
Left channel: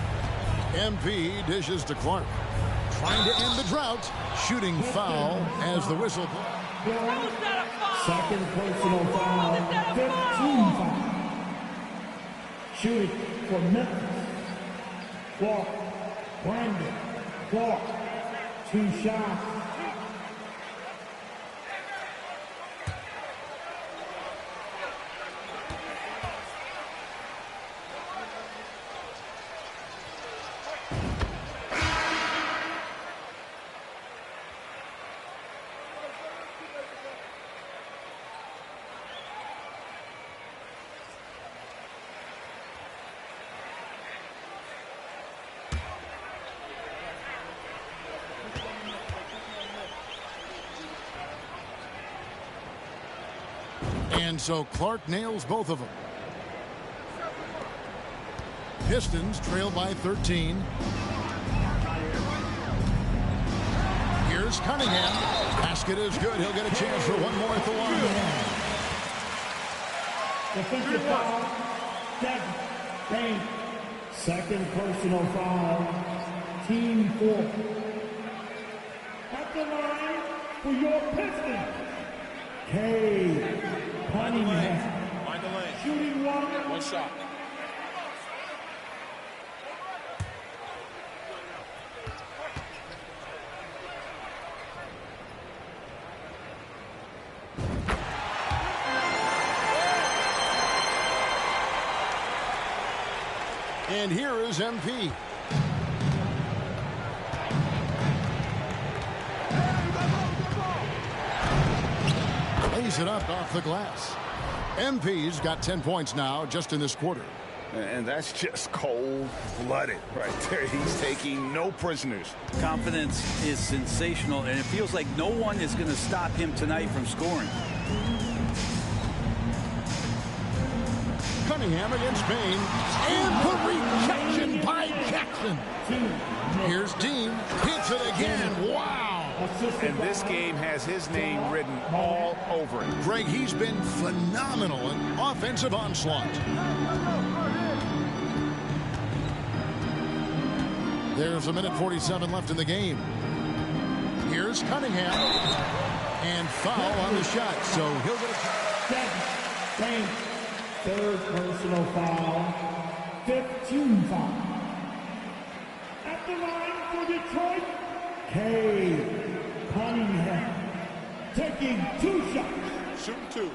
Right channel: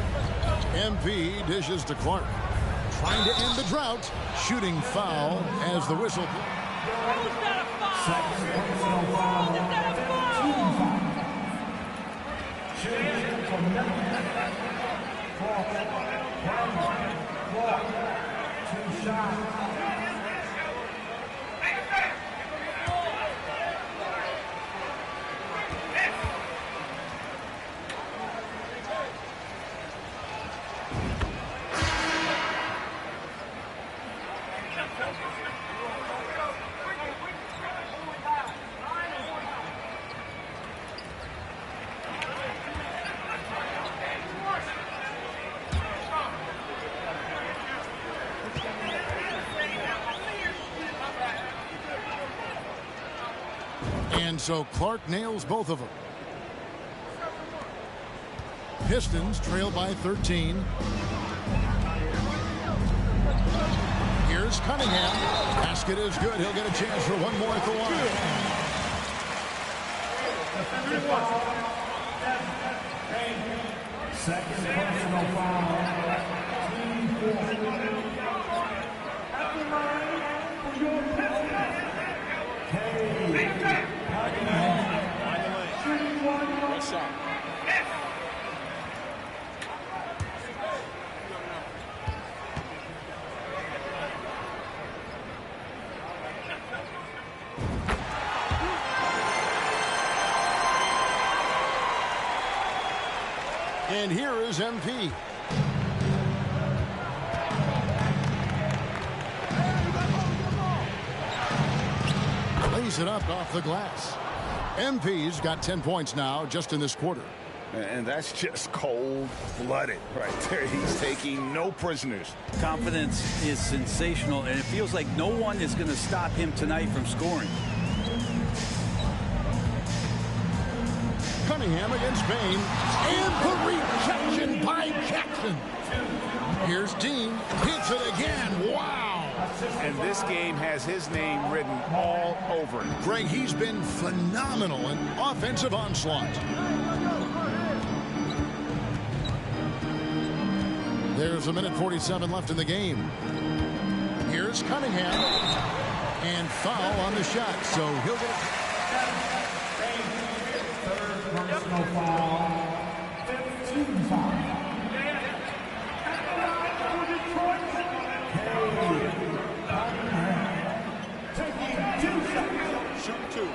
MP dishes to Clark. Trying to end the drought. Shooting foul as the whistle. How is that a foul? Second personal foul. Is that a foul? Shooting for Memphis. Brandon Clark. 2 shots. And so Clark nails both of them. Pistons trail by 13. Here's Cunningham. Basket is good. He'll get a chance for one more at the line. Defensive foul. Second personal foul. Team 4. At the line for your Pistons. Cunningham. Find the lane. Shooting one shot. And here is MP. Lays it up off the glass. MP's got 10 points now just in this quarter. And that's just cold-blooded right there. He's taking no prisoners. Confidence is sensational, and it feels like no one is going to stop him tonight from scoring. Cunningham against Bain. And the rejection by Jackson. Here's Dean. Hits it again. Wow. And this game has his name written all over it. Greg, he's been phenomenal in offensive onslaught. There's a minute 47 left in the game. Here's Cunningham. And foul on the shot, so he'll get a... Third personal foul. 15 foul. At the line for Detroit. Cunningham. Taking 2 shots. Shooting 2.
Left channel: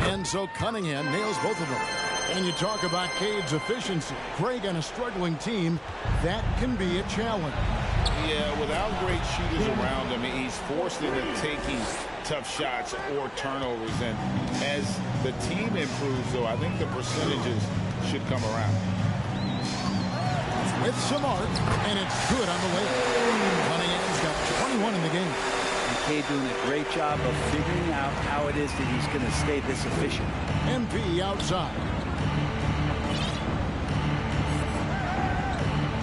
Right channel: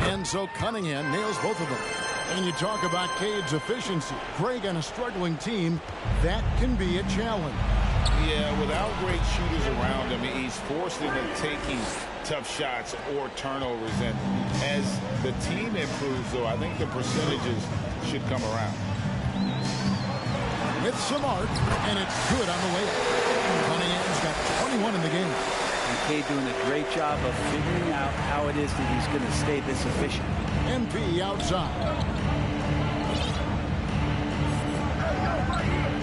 And so Cunningham nails both of them. And you talk about Cade's efficiency. Greg, on a struggling team, that can be a challenge. Yeah, without great shooters around him, he's forced into taking tough shots or turnovers. And as the team improves, though, I think the percentages should come around. With some arc, and it's good on the way. Cunningham's got 21 in the game. And Cade doing a great job of figuring out how it is that he's going to stay this efficient. MP outside.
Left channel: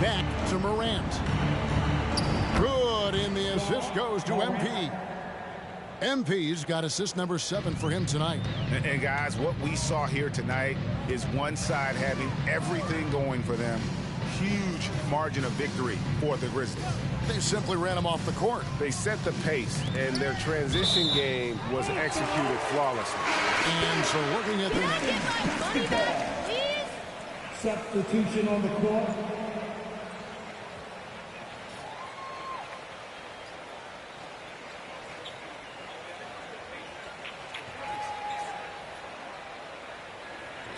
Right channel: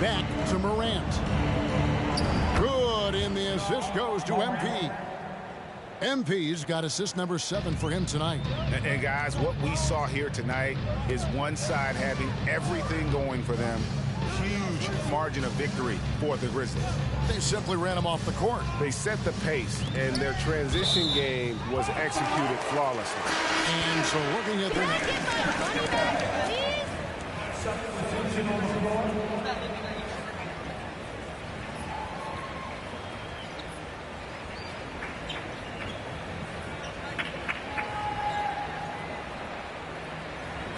Back to Morant. Good, and the assist goes to MP. MP's got assist number 7 for him tonight. And guys, what we saw here tonight is one side having everything going for them. Huge margin of victory for the Grizzlies. They simply ran him off the court. They set the pace, and their transition game was executed flawlessly. And so looking at Can I get my money back, please? Substitution on the floor.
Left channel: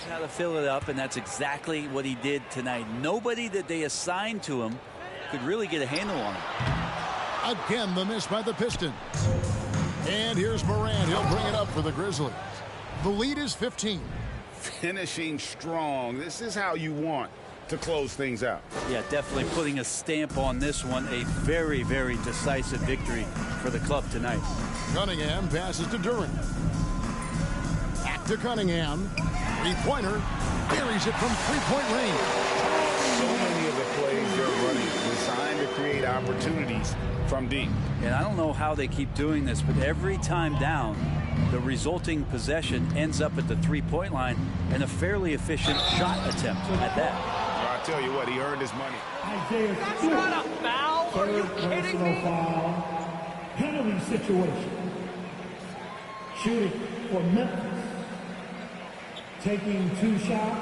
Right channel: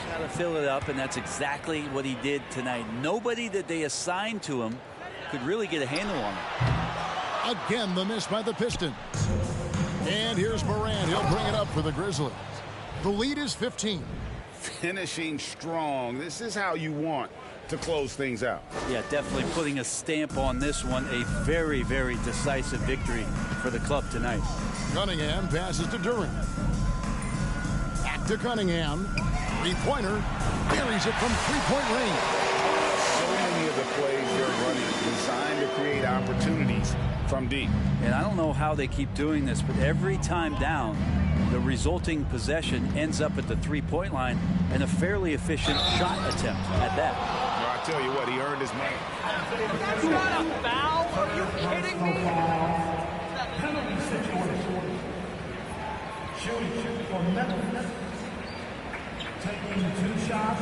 How to fill it up, and that's exactly what he did tonight. Nobody that they assigned to him could really get a handle on him. Again, the miss by the Pistons. And here's Morant. He'll bring it up for the Grizzlies. The lead is 15. Finishing strong. This is how you want to close things out. Yeah, definitely putting a stamp on this one. A very, very decisive victory for the club tonight. Cunningham passes to Durant. Back to Cunningham. Three-pointer. Buries it from three-point range. So many of the plays they're running designed to create opportunities from deep. And I don't know how they keep doing this, but every time down, the resulting possession ends up at the three-point line and a fairly efficient shot attempt at that. Well, I tell you what, he earned his money. That's not a foul. Are you kidding me? Penalty situation. Shooting for Memphis. Taking 2 shots.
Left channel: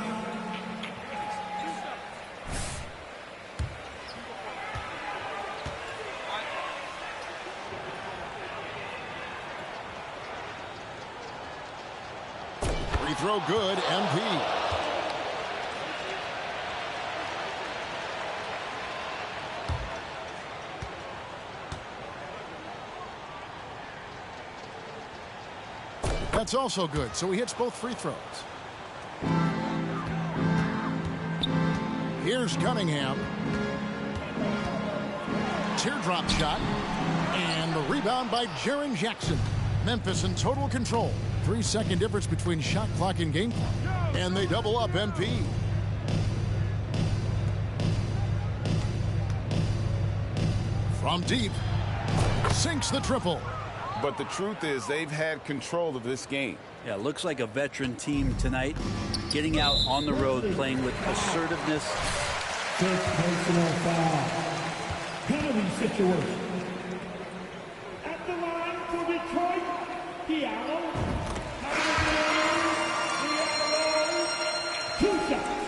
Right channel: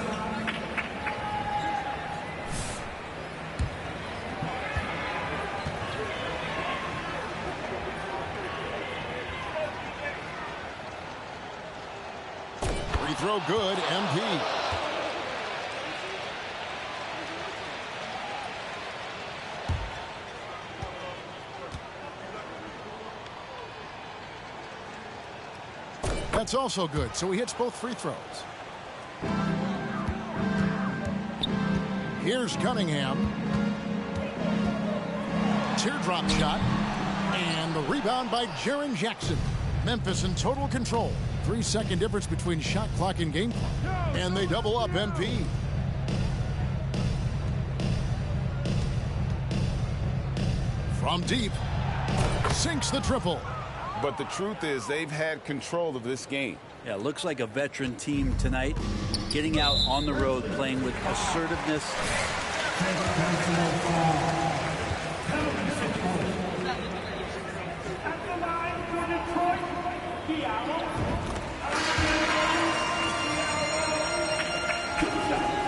Free throw good, MP. That's also good, so he hits both free throws. Here's Cunningham. Teardrop shot. And the rebound by Jaren Jackson. Memphis in total control. 3-second difference between shot clock and game clock. And they double up MP. From deep. Sinks the triple. But the truth is they've had control of this game. Yeah, looks like a veteran team tonight. Getting out on the road, playing with assertiveness. Fifth personal foul. Penalty situation. At the line for Detroit, Diallo. Diallo. 2 shots.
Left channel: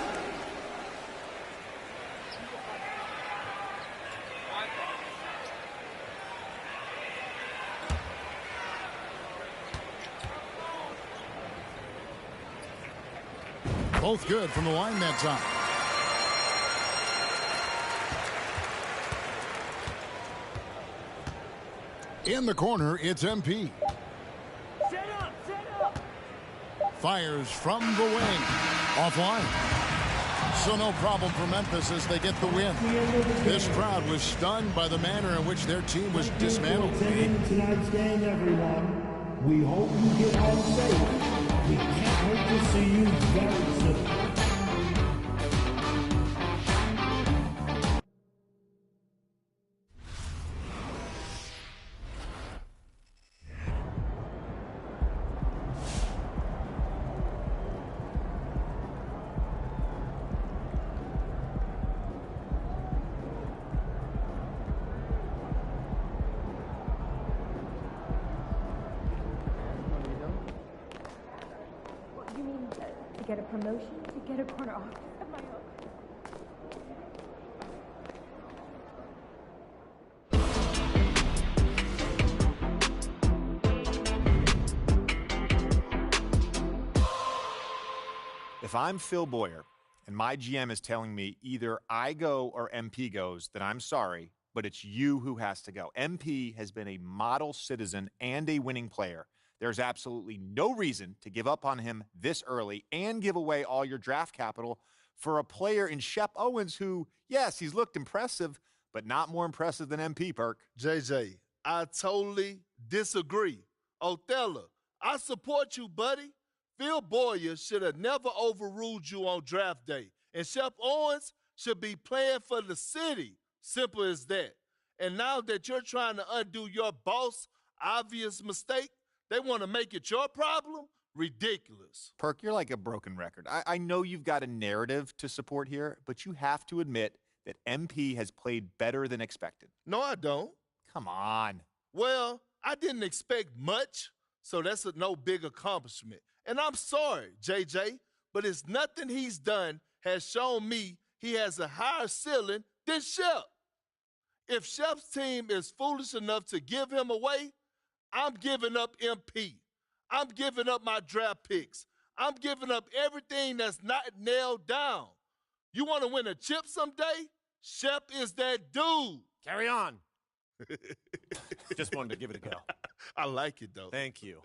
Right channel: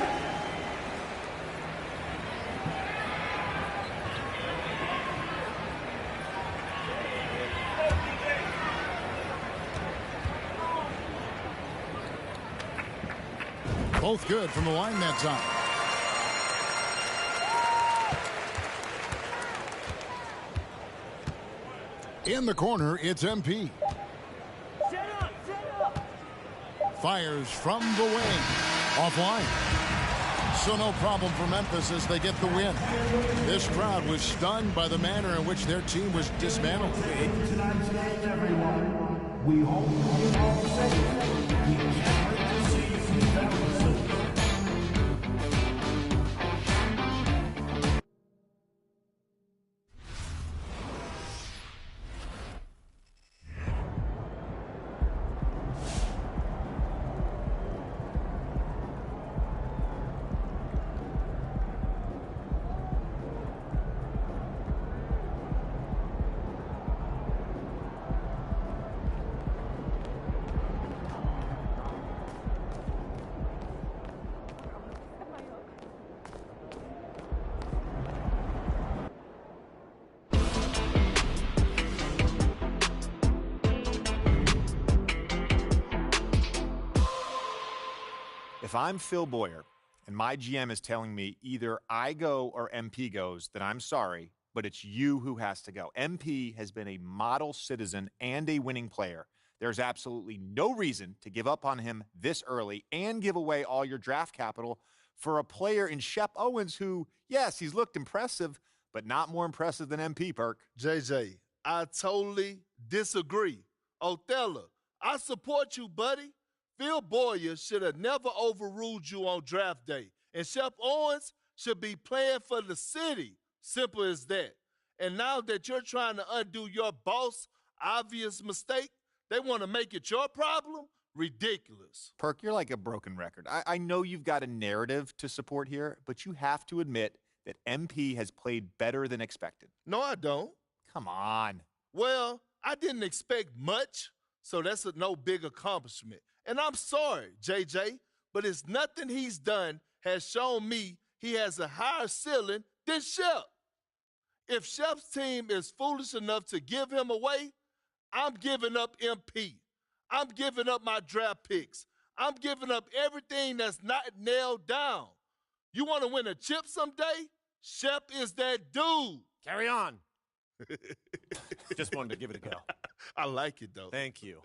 Both good from the line that time. In the corner, it's MP. Set up, set up. Fires from the wing. Offline. So no problem for Memphis as they get the win. This crowd was stunned by the manner in which their team was dismantled. Tonight's game, everyone. We hope you get home safe. We can't wait to see you very soon. Get a promotion, get a corner office of my own. If I'm Phil Boyer and my GM is telling me either I go or MP goes, then I'm sorry, but it's you who has to go. MP has been a model citizen and a winning player. There's absolutely no reason to give up on him this early and give away all your draft capital for a player in Shep Owens who, yes, he's looked impressive, but not more impressive than MP, Perk. JJ, I totally disagree. Othello, I support you, buddy. Phil Boyer should have never overruled you on draft day. And Shep Owens should be playing for the city. Simple as that. And now that you're trying to undo your boss' obvious mistake, they want to make it your problem? Ridiculous. Perk, you're like a broken record. I know you've got a narrative to support here, but you have to admit that MP has played better than expected. No, I don't. Come on. Well, I didn't expect much, so that's a no big accomplishment. And I'm sorry, JJ, but it's nothing he's done has shown me he has a higher ceiling than Shep. If Shep's team is foolish enough to give him away, I'm giving up MP. I'm giving up my draft picks. I'm giving up everything that's not nailed down. You want to win a chip someday? Shep is that dude. Carry on. Just wanted to give it a go. I like it, though. Thank you.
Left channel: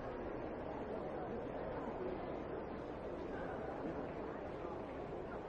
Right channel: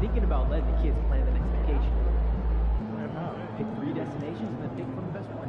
Thinking about letting the kids plan the next vacation. Pick 3 destinations and then pick from the best one.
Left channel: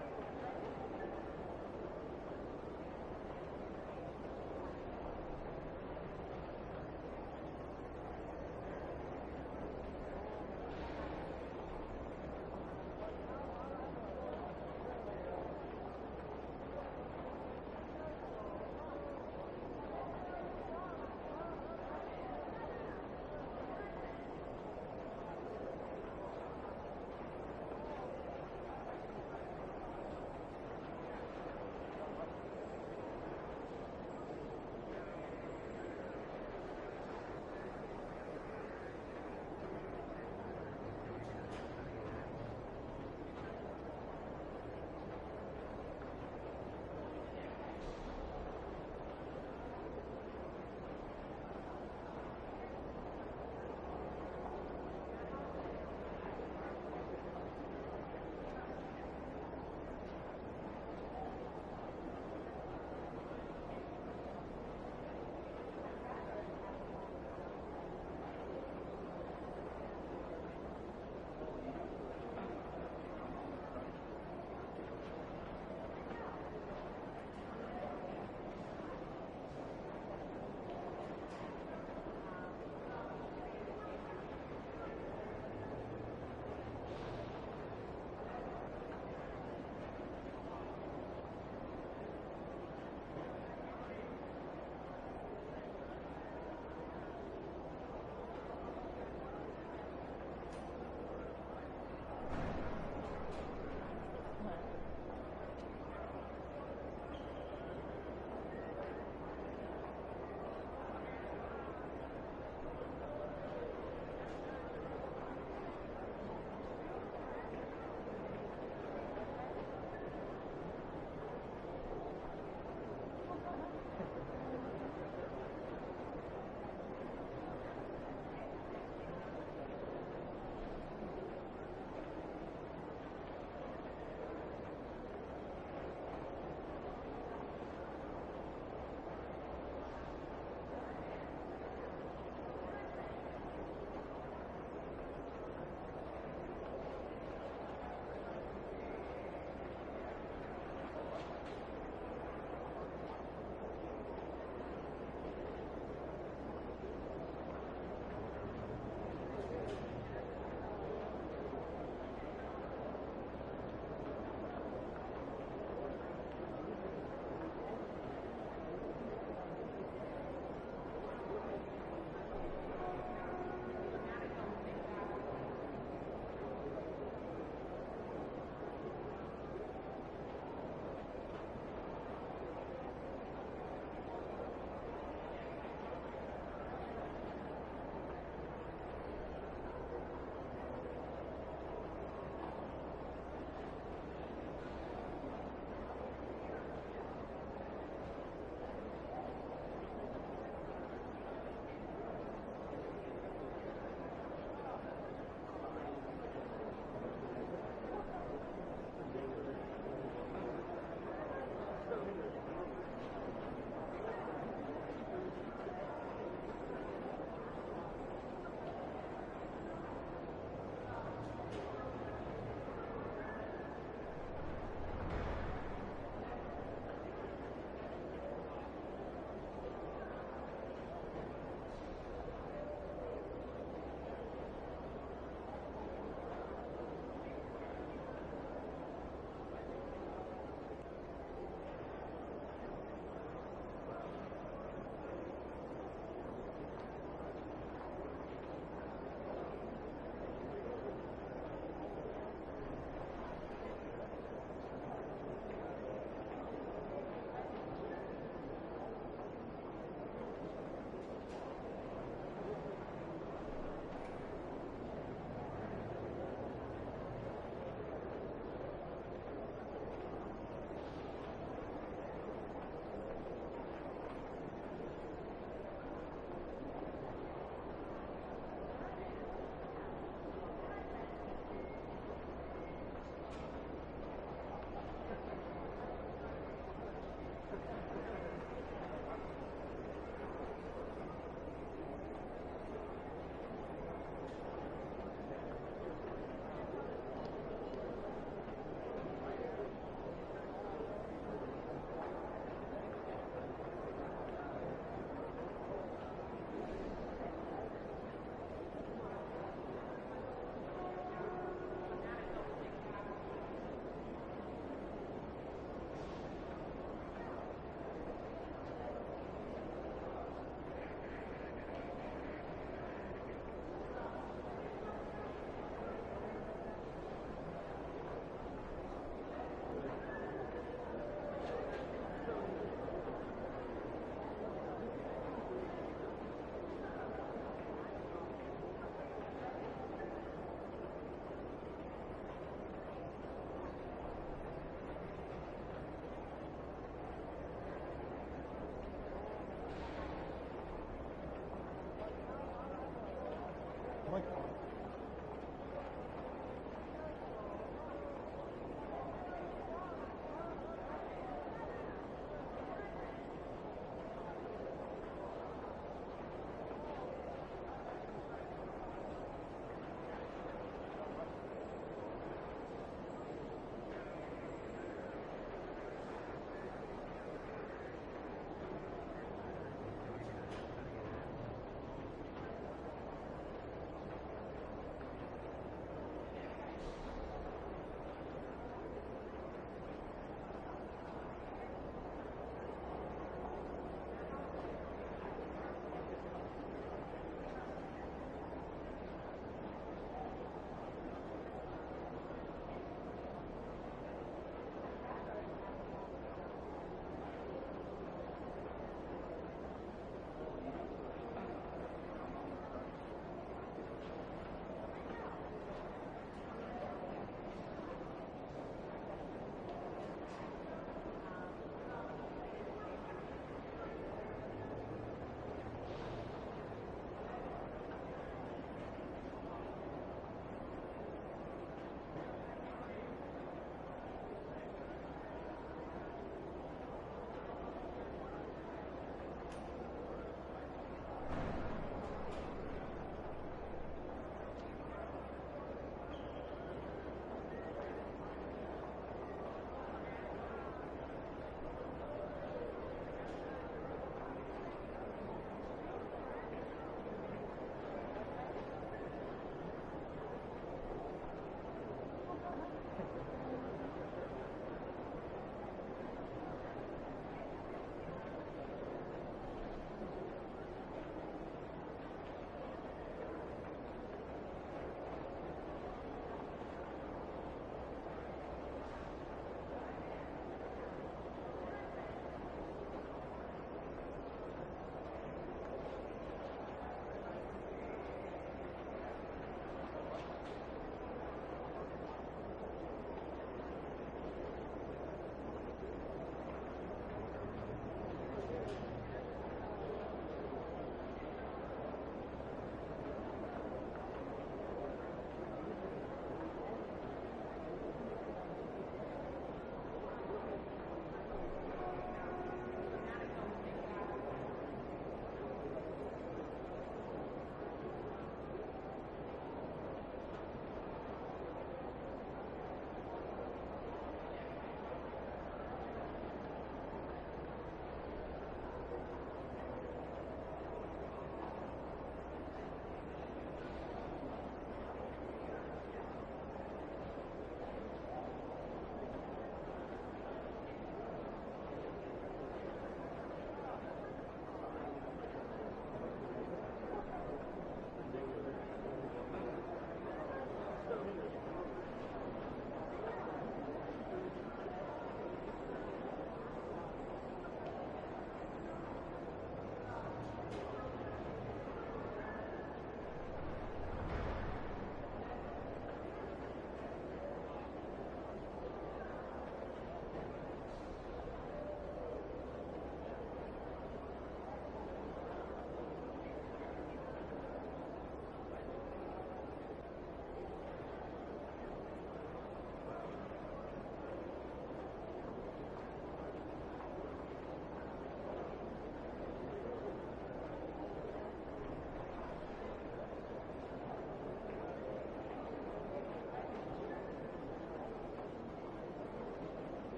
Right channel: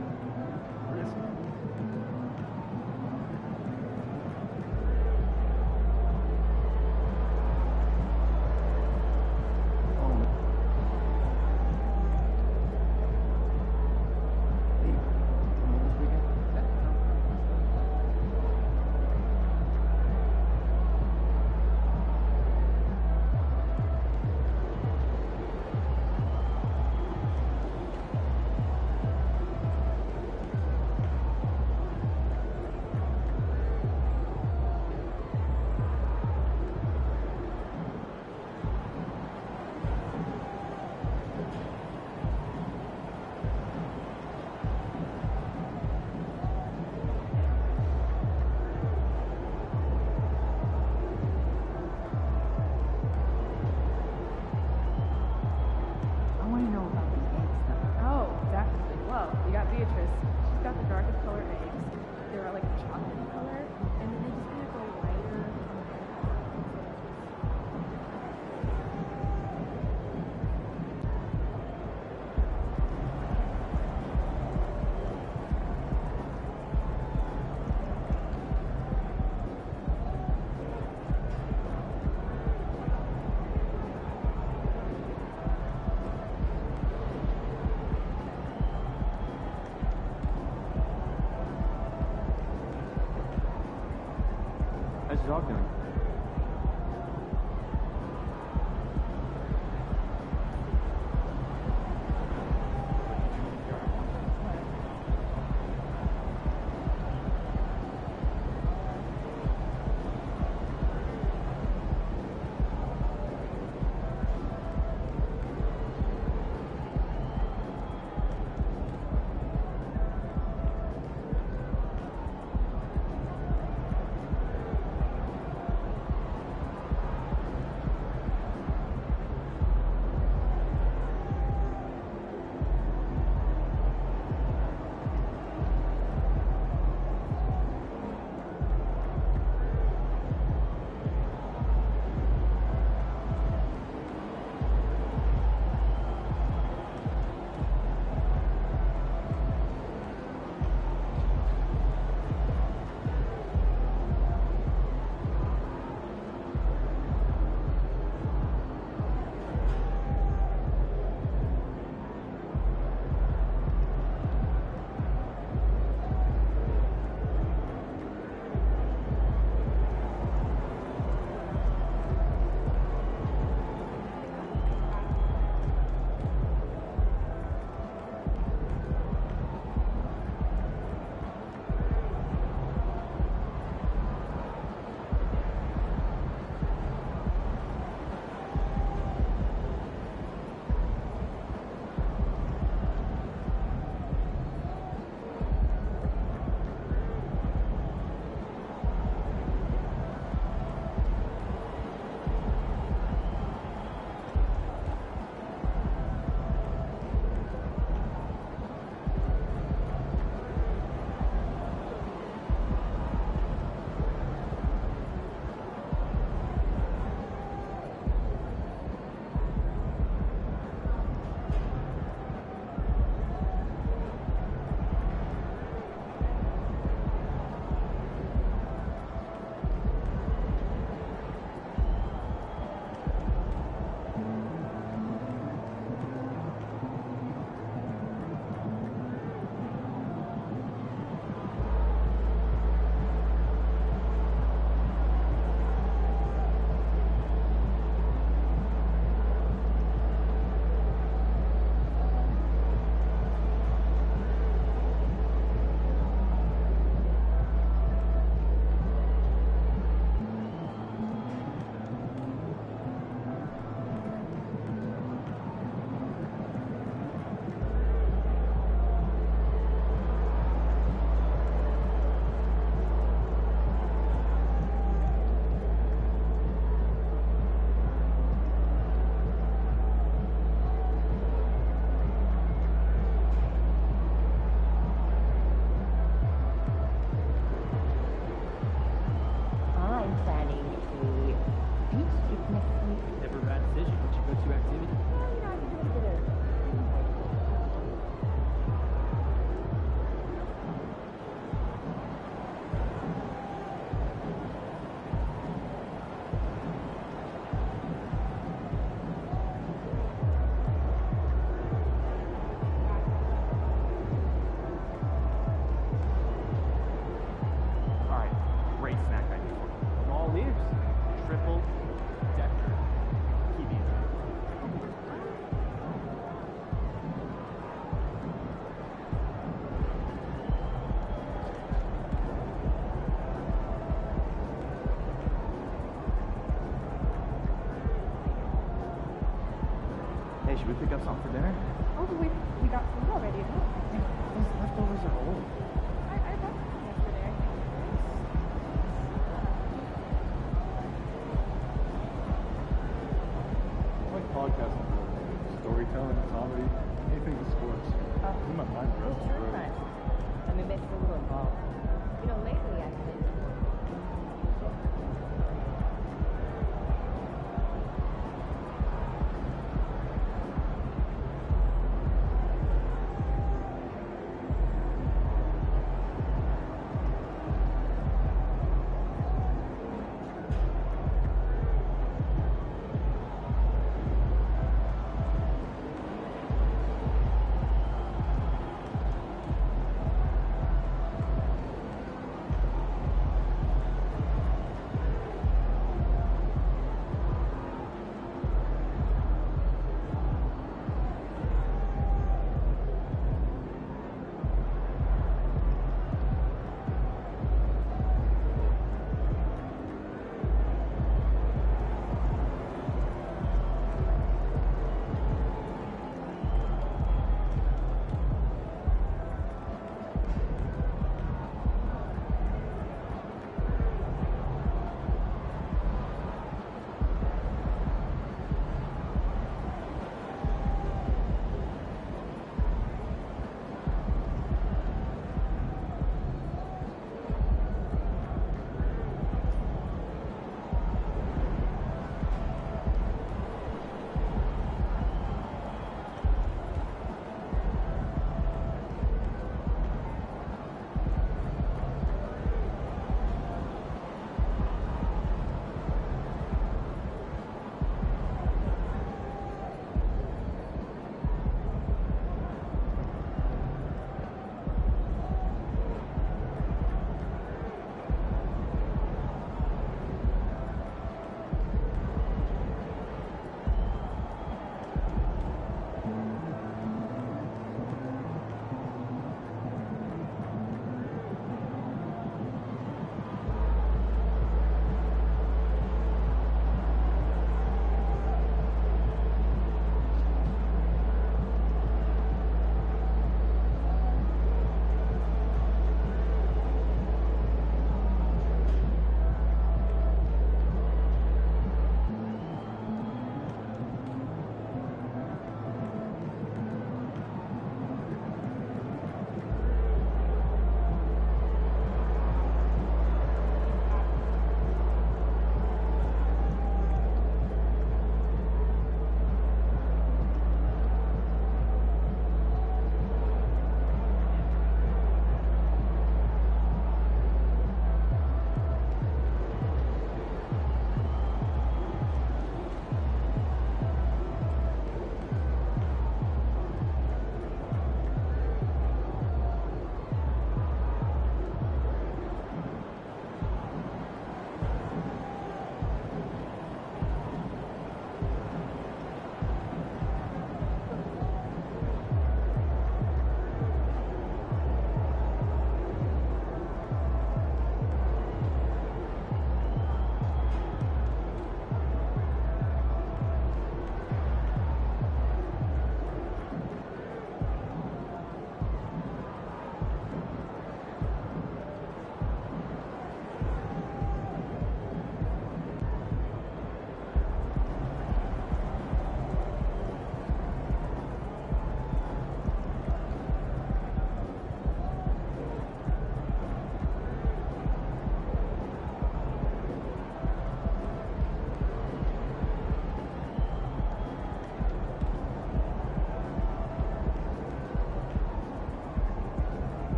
How's your dog doing? Hey, should we pick up something for dinner? Oh, we got food already at home. Those leftovers are old. I got some yesterday. I like podcasting for storytelling, comedy, anything with sports. My mind goes. Let me make it a little involved. You know, lately I've been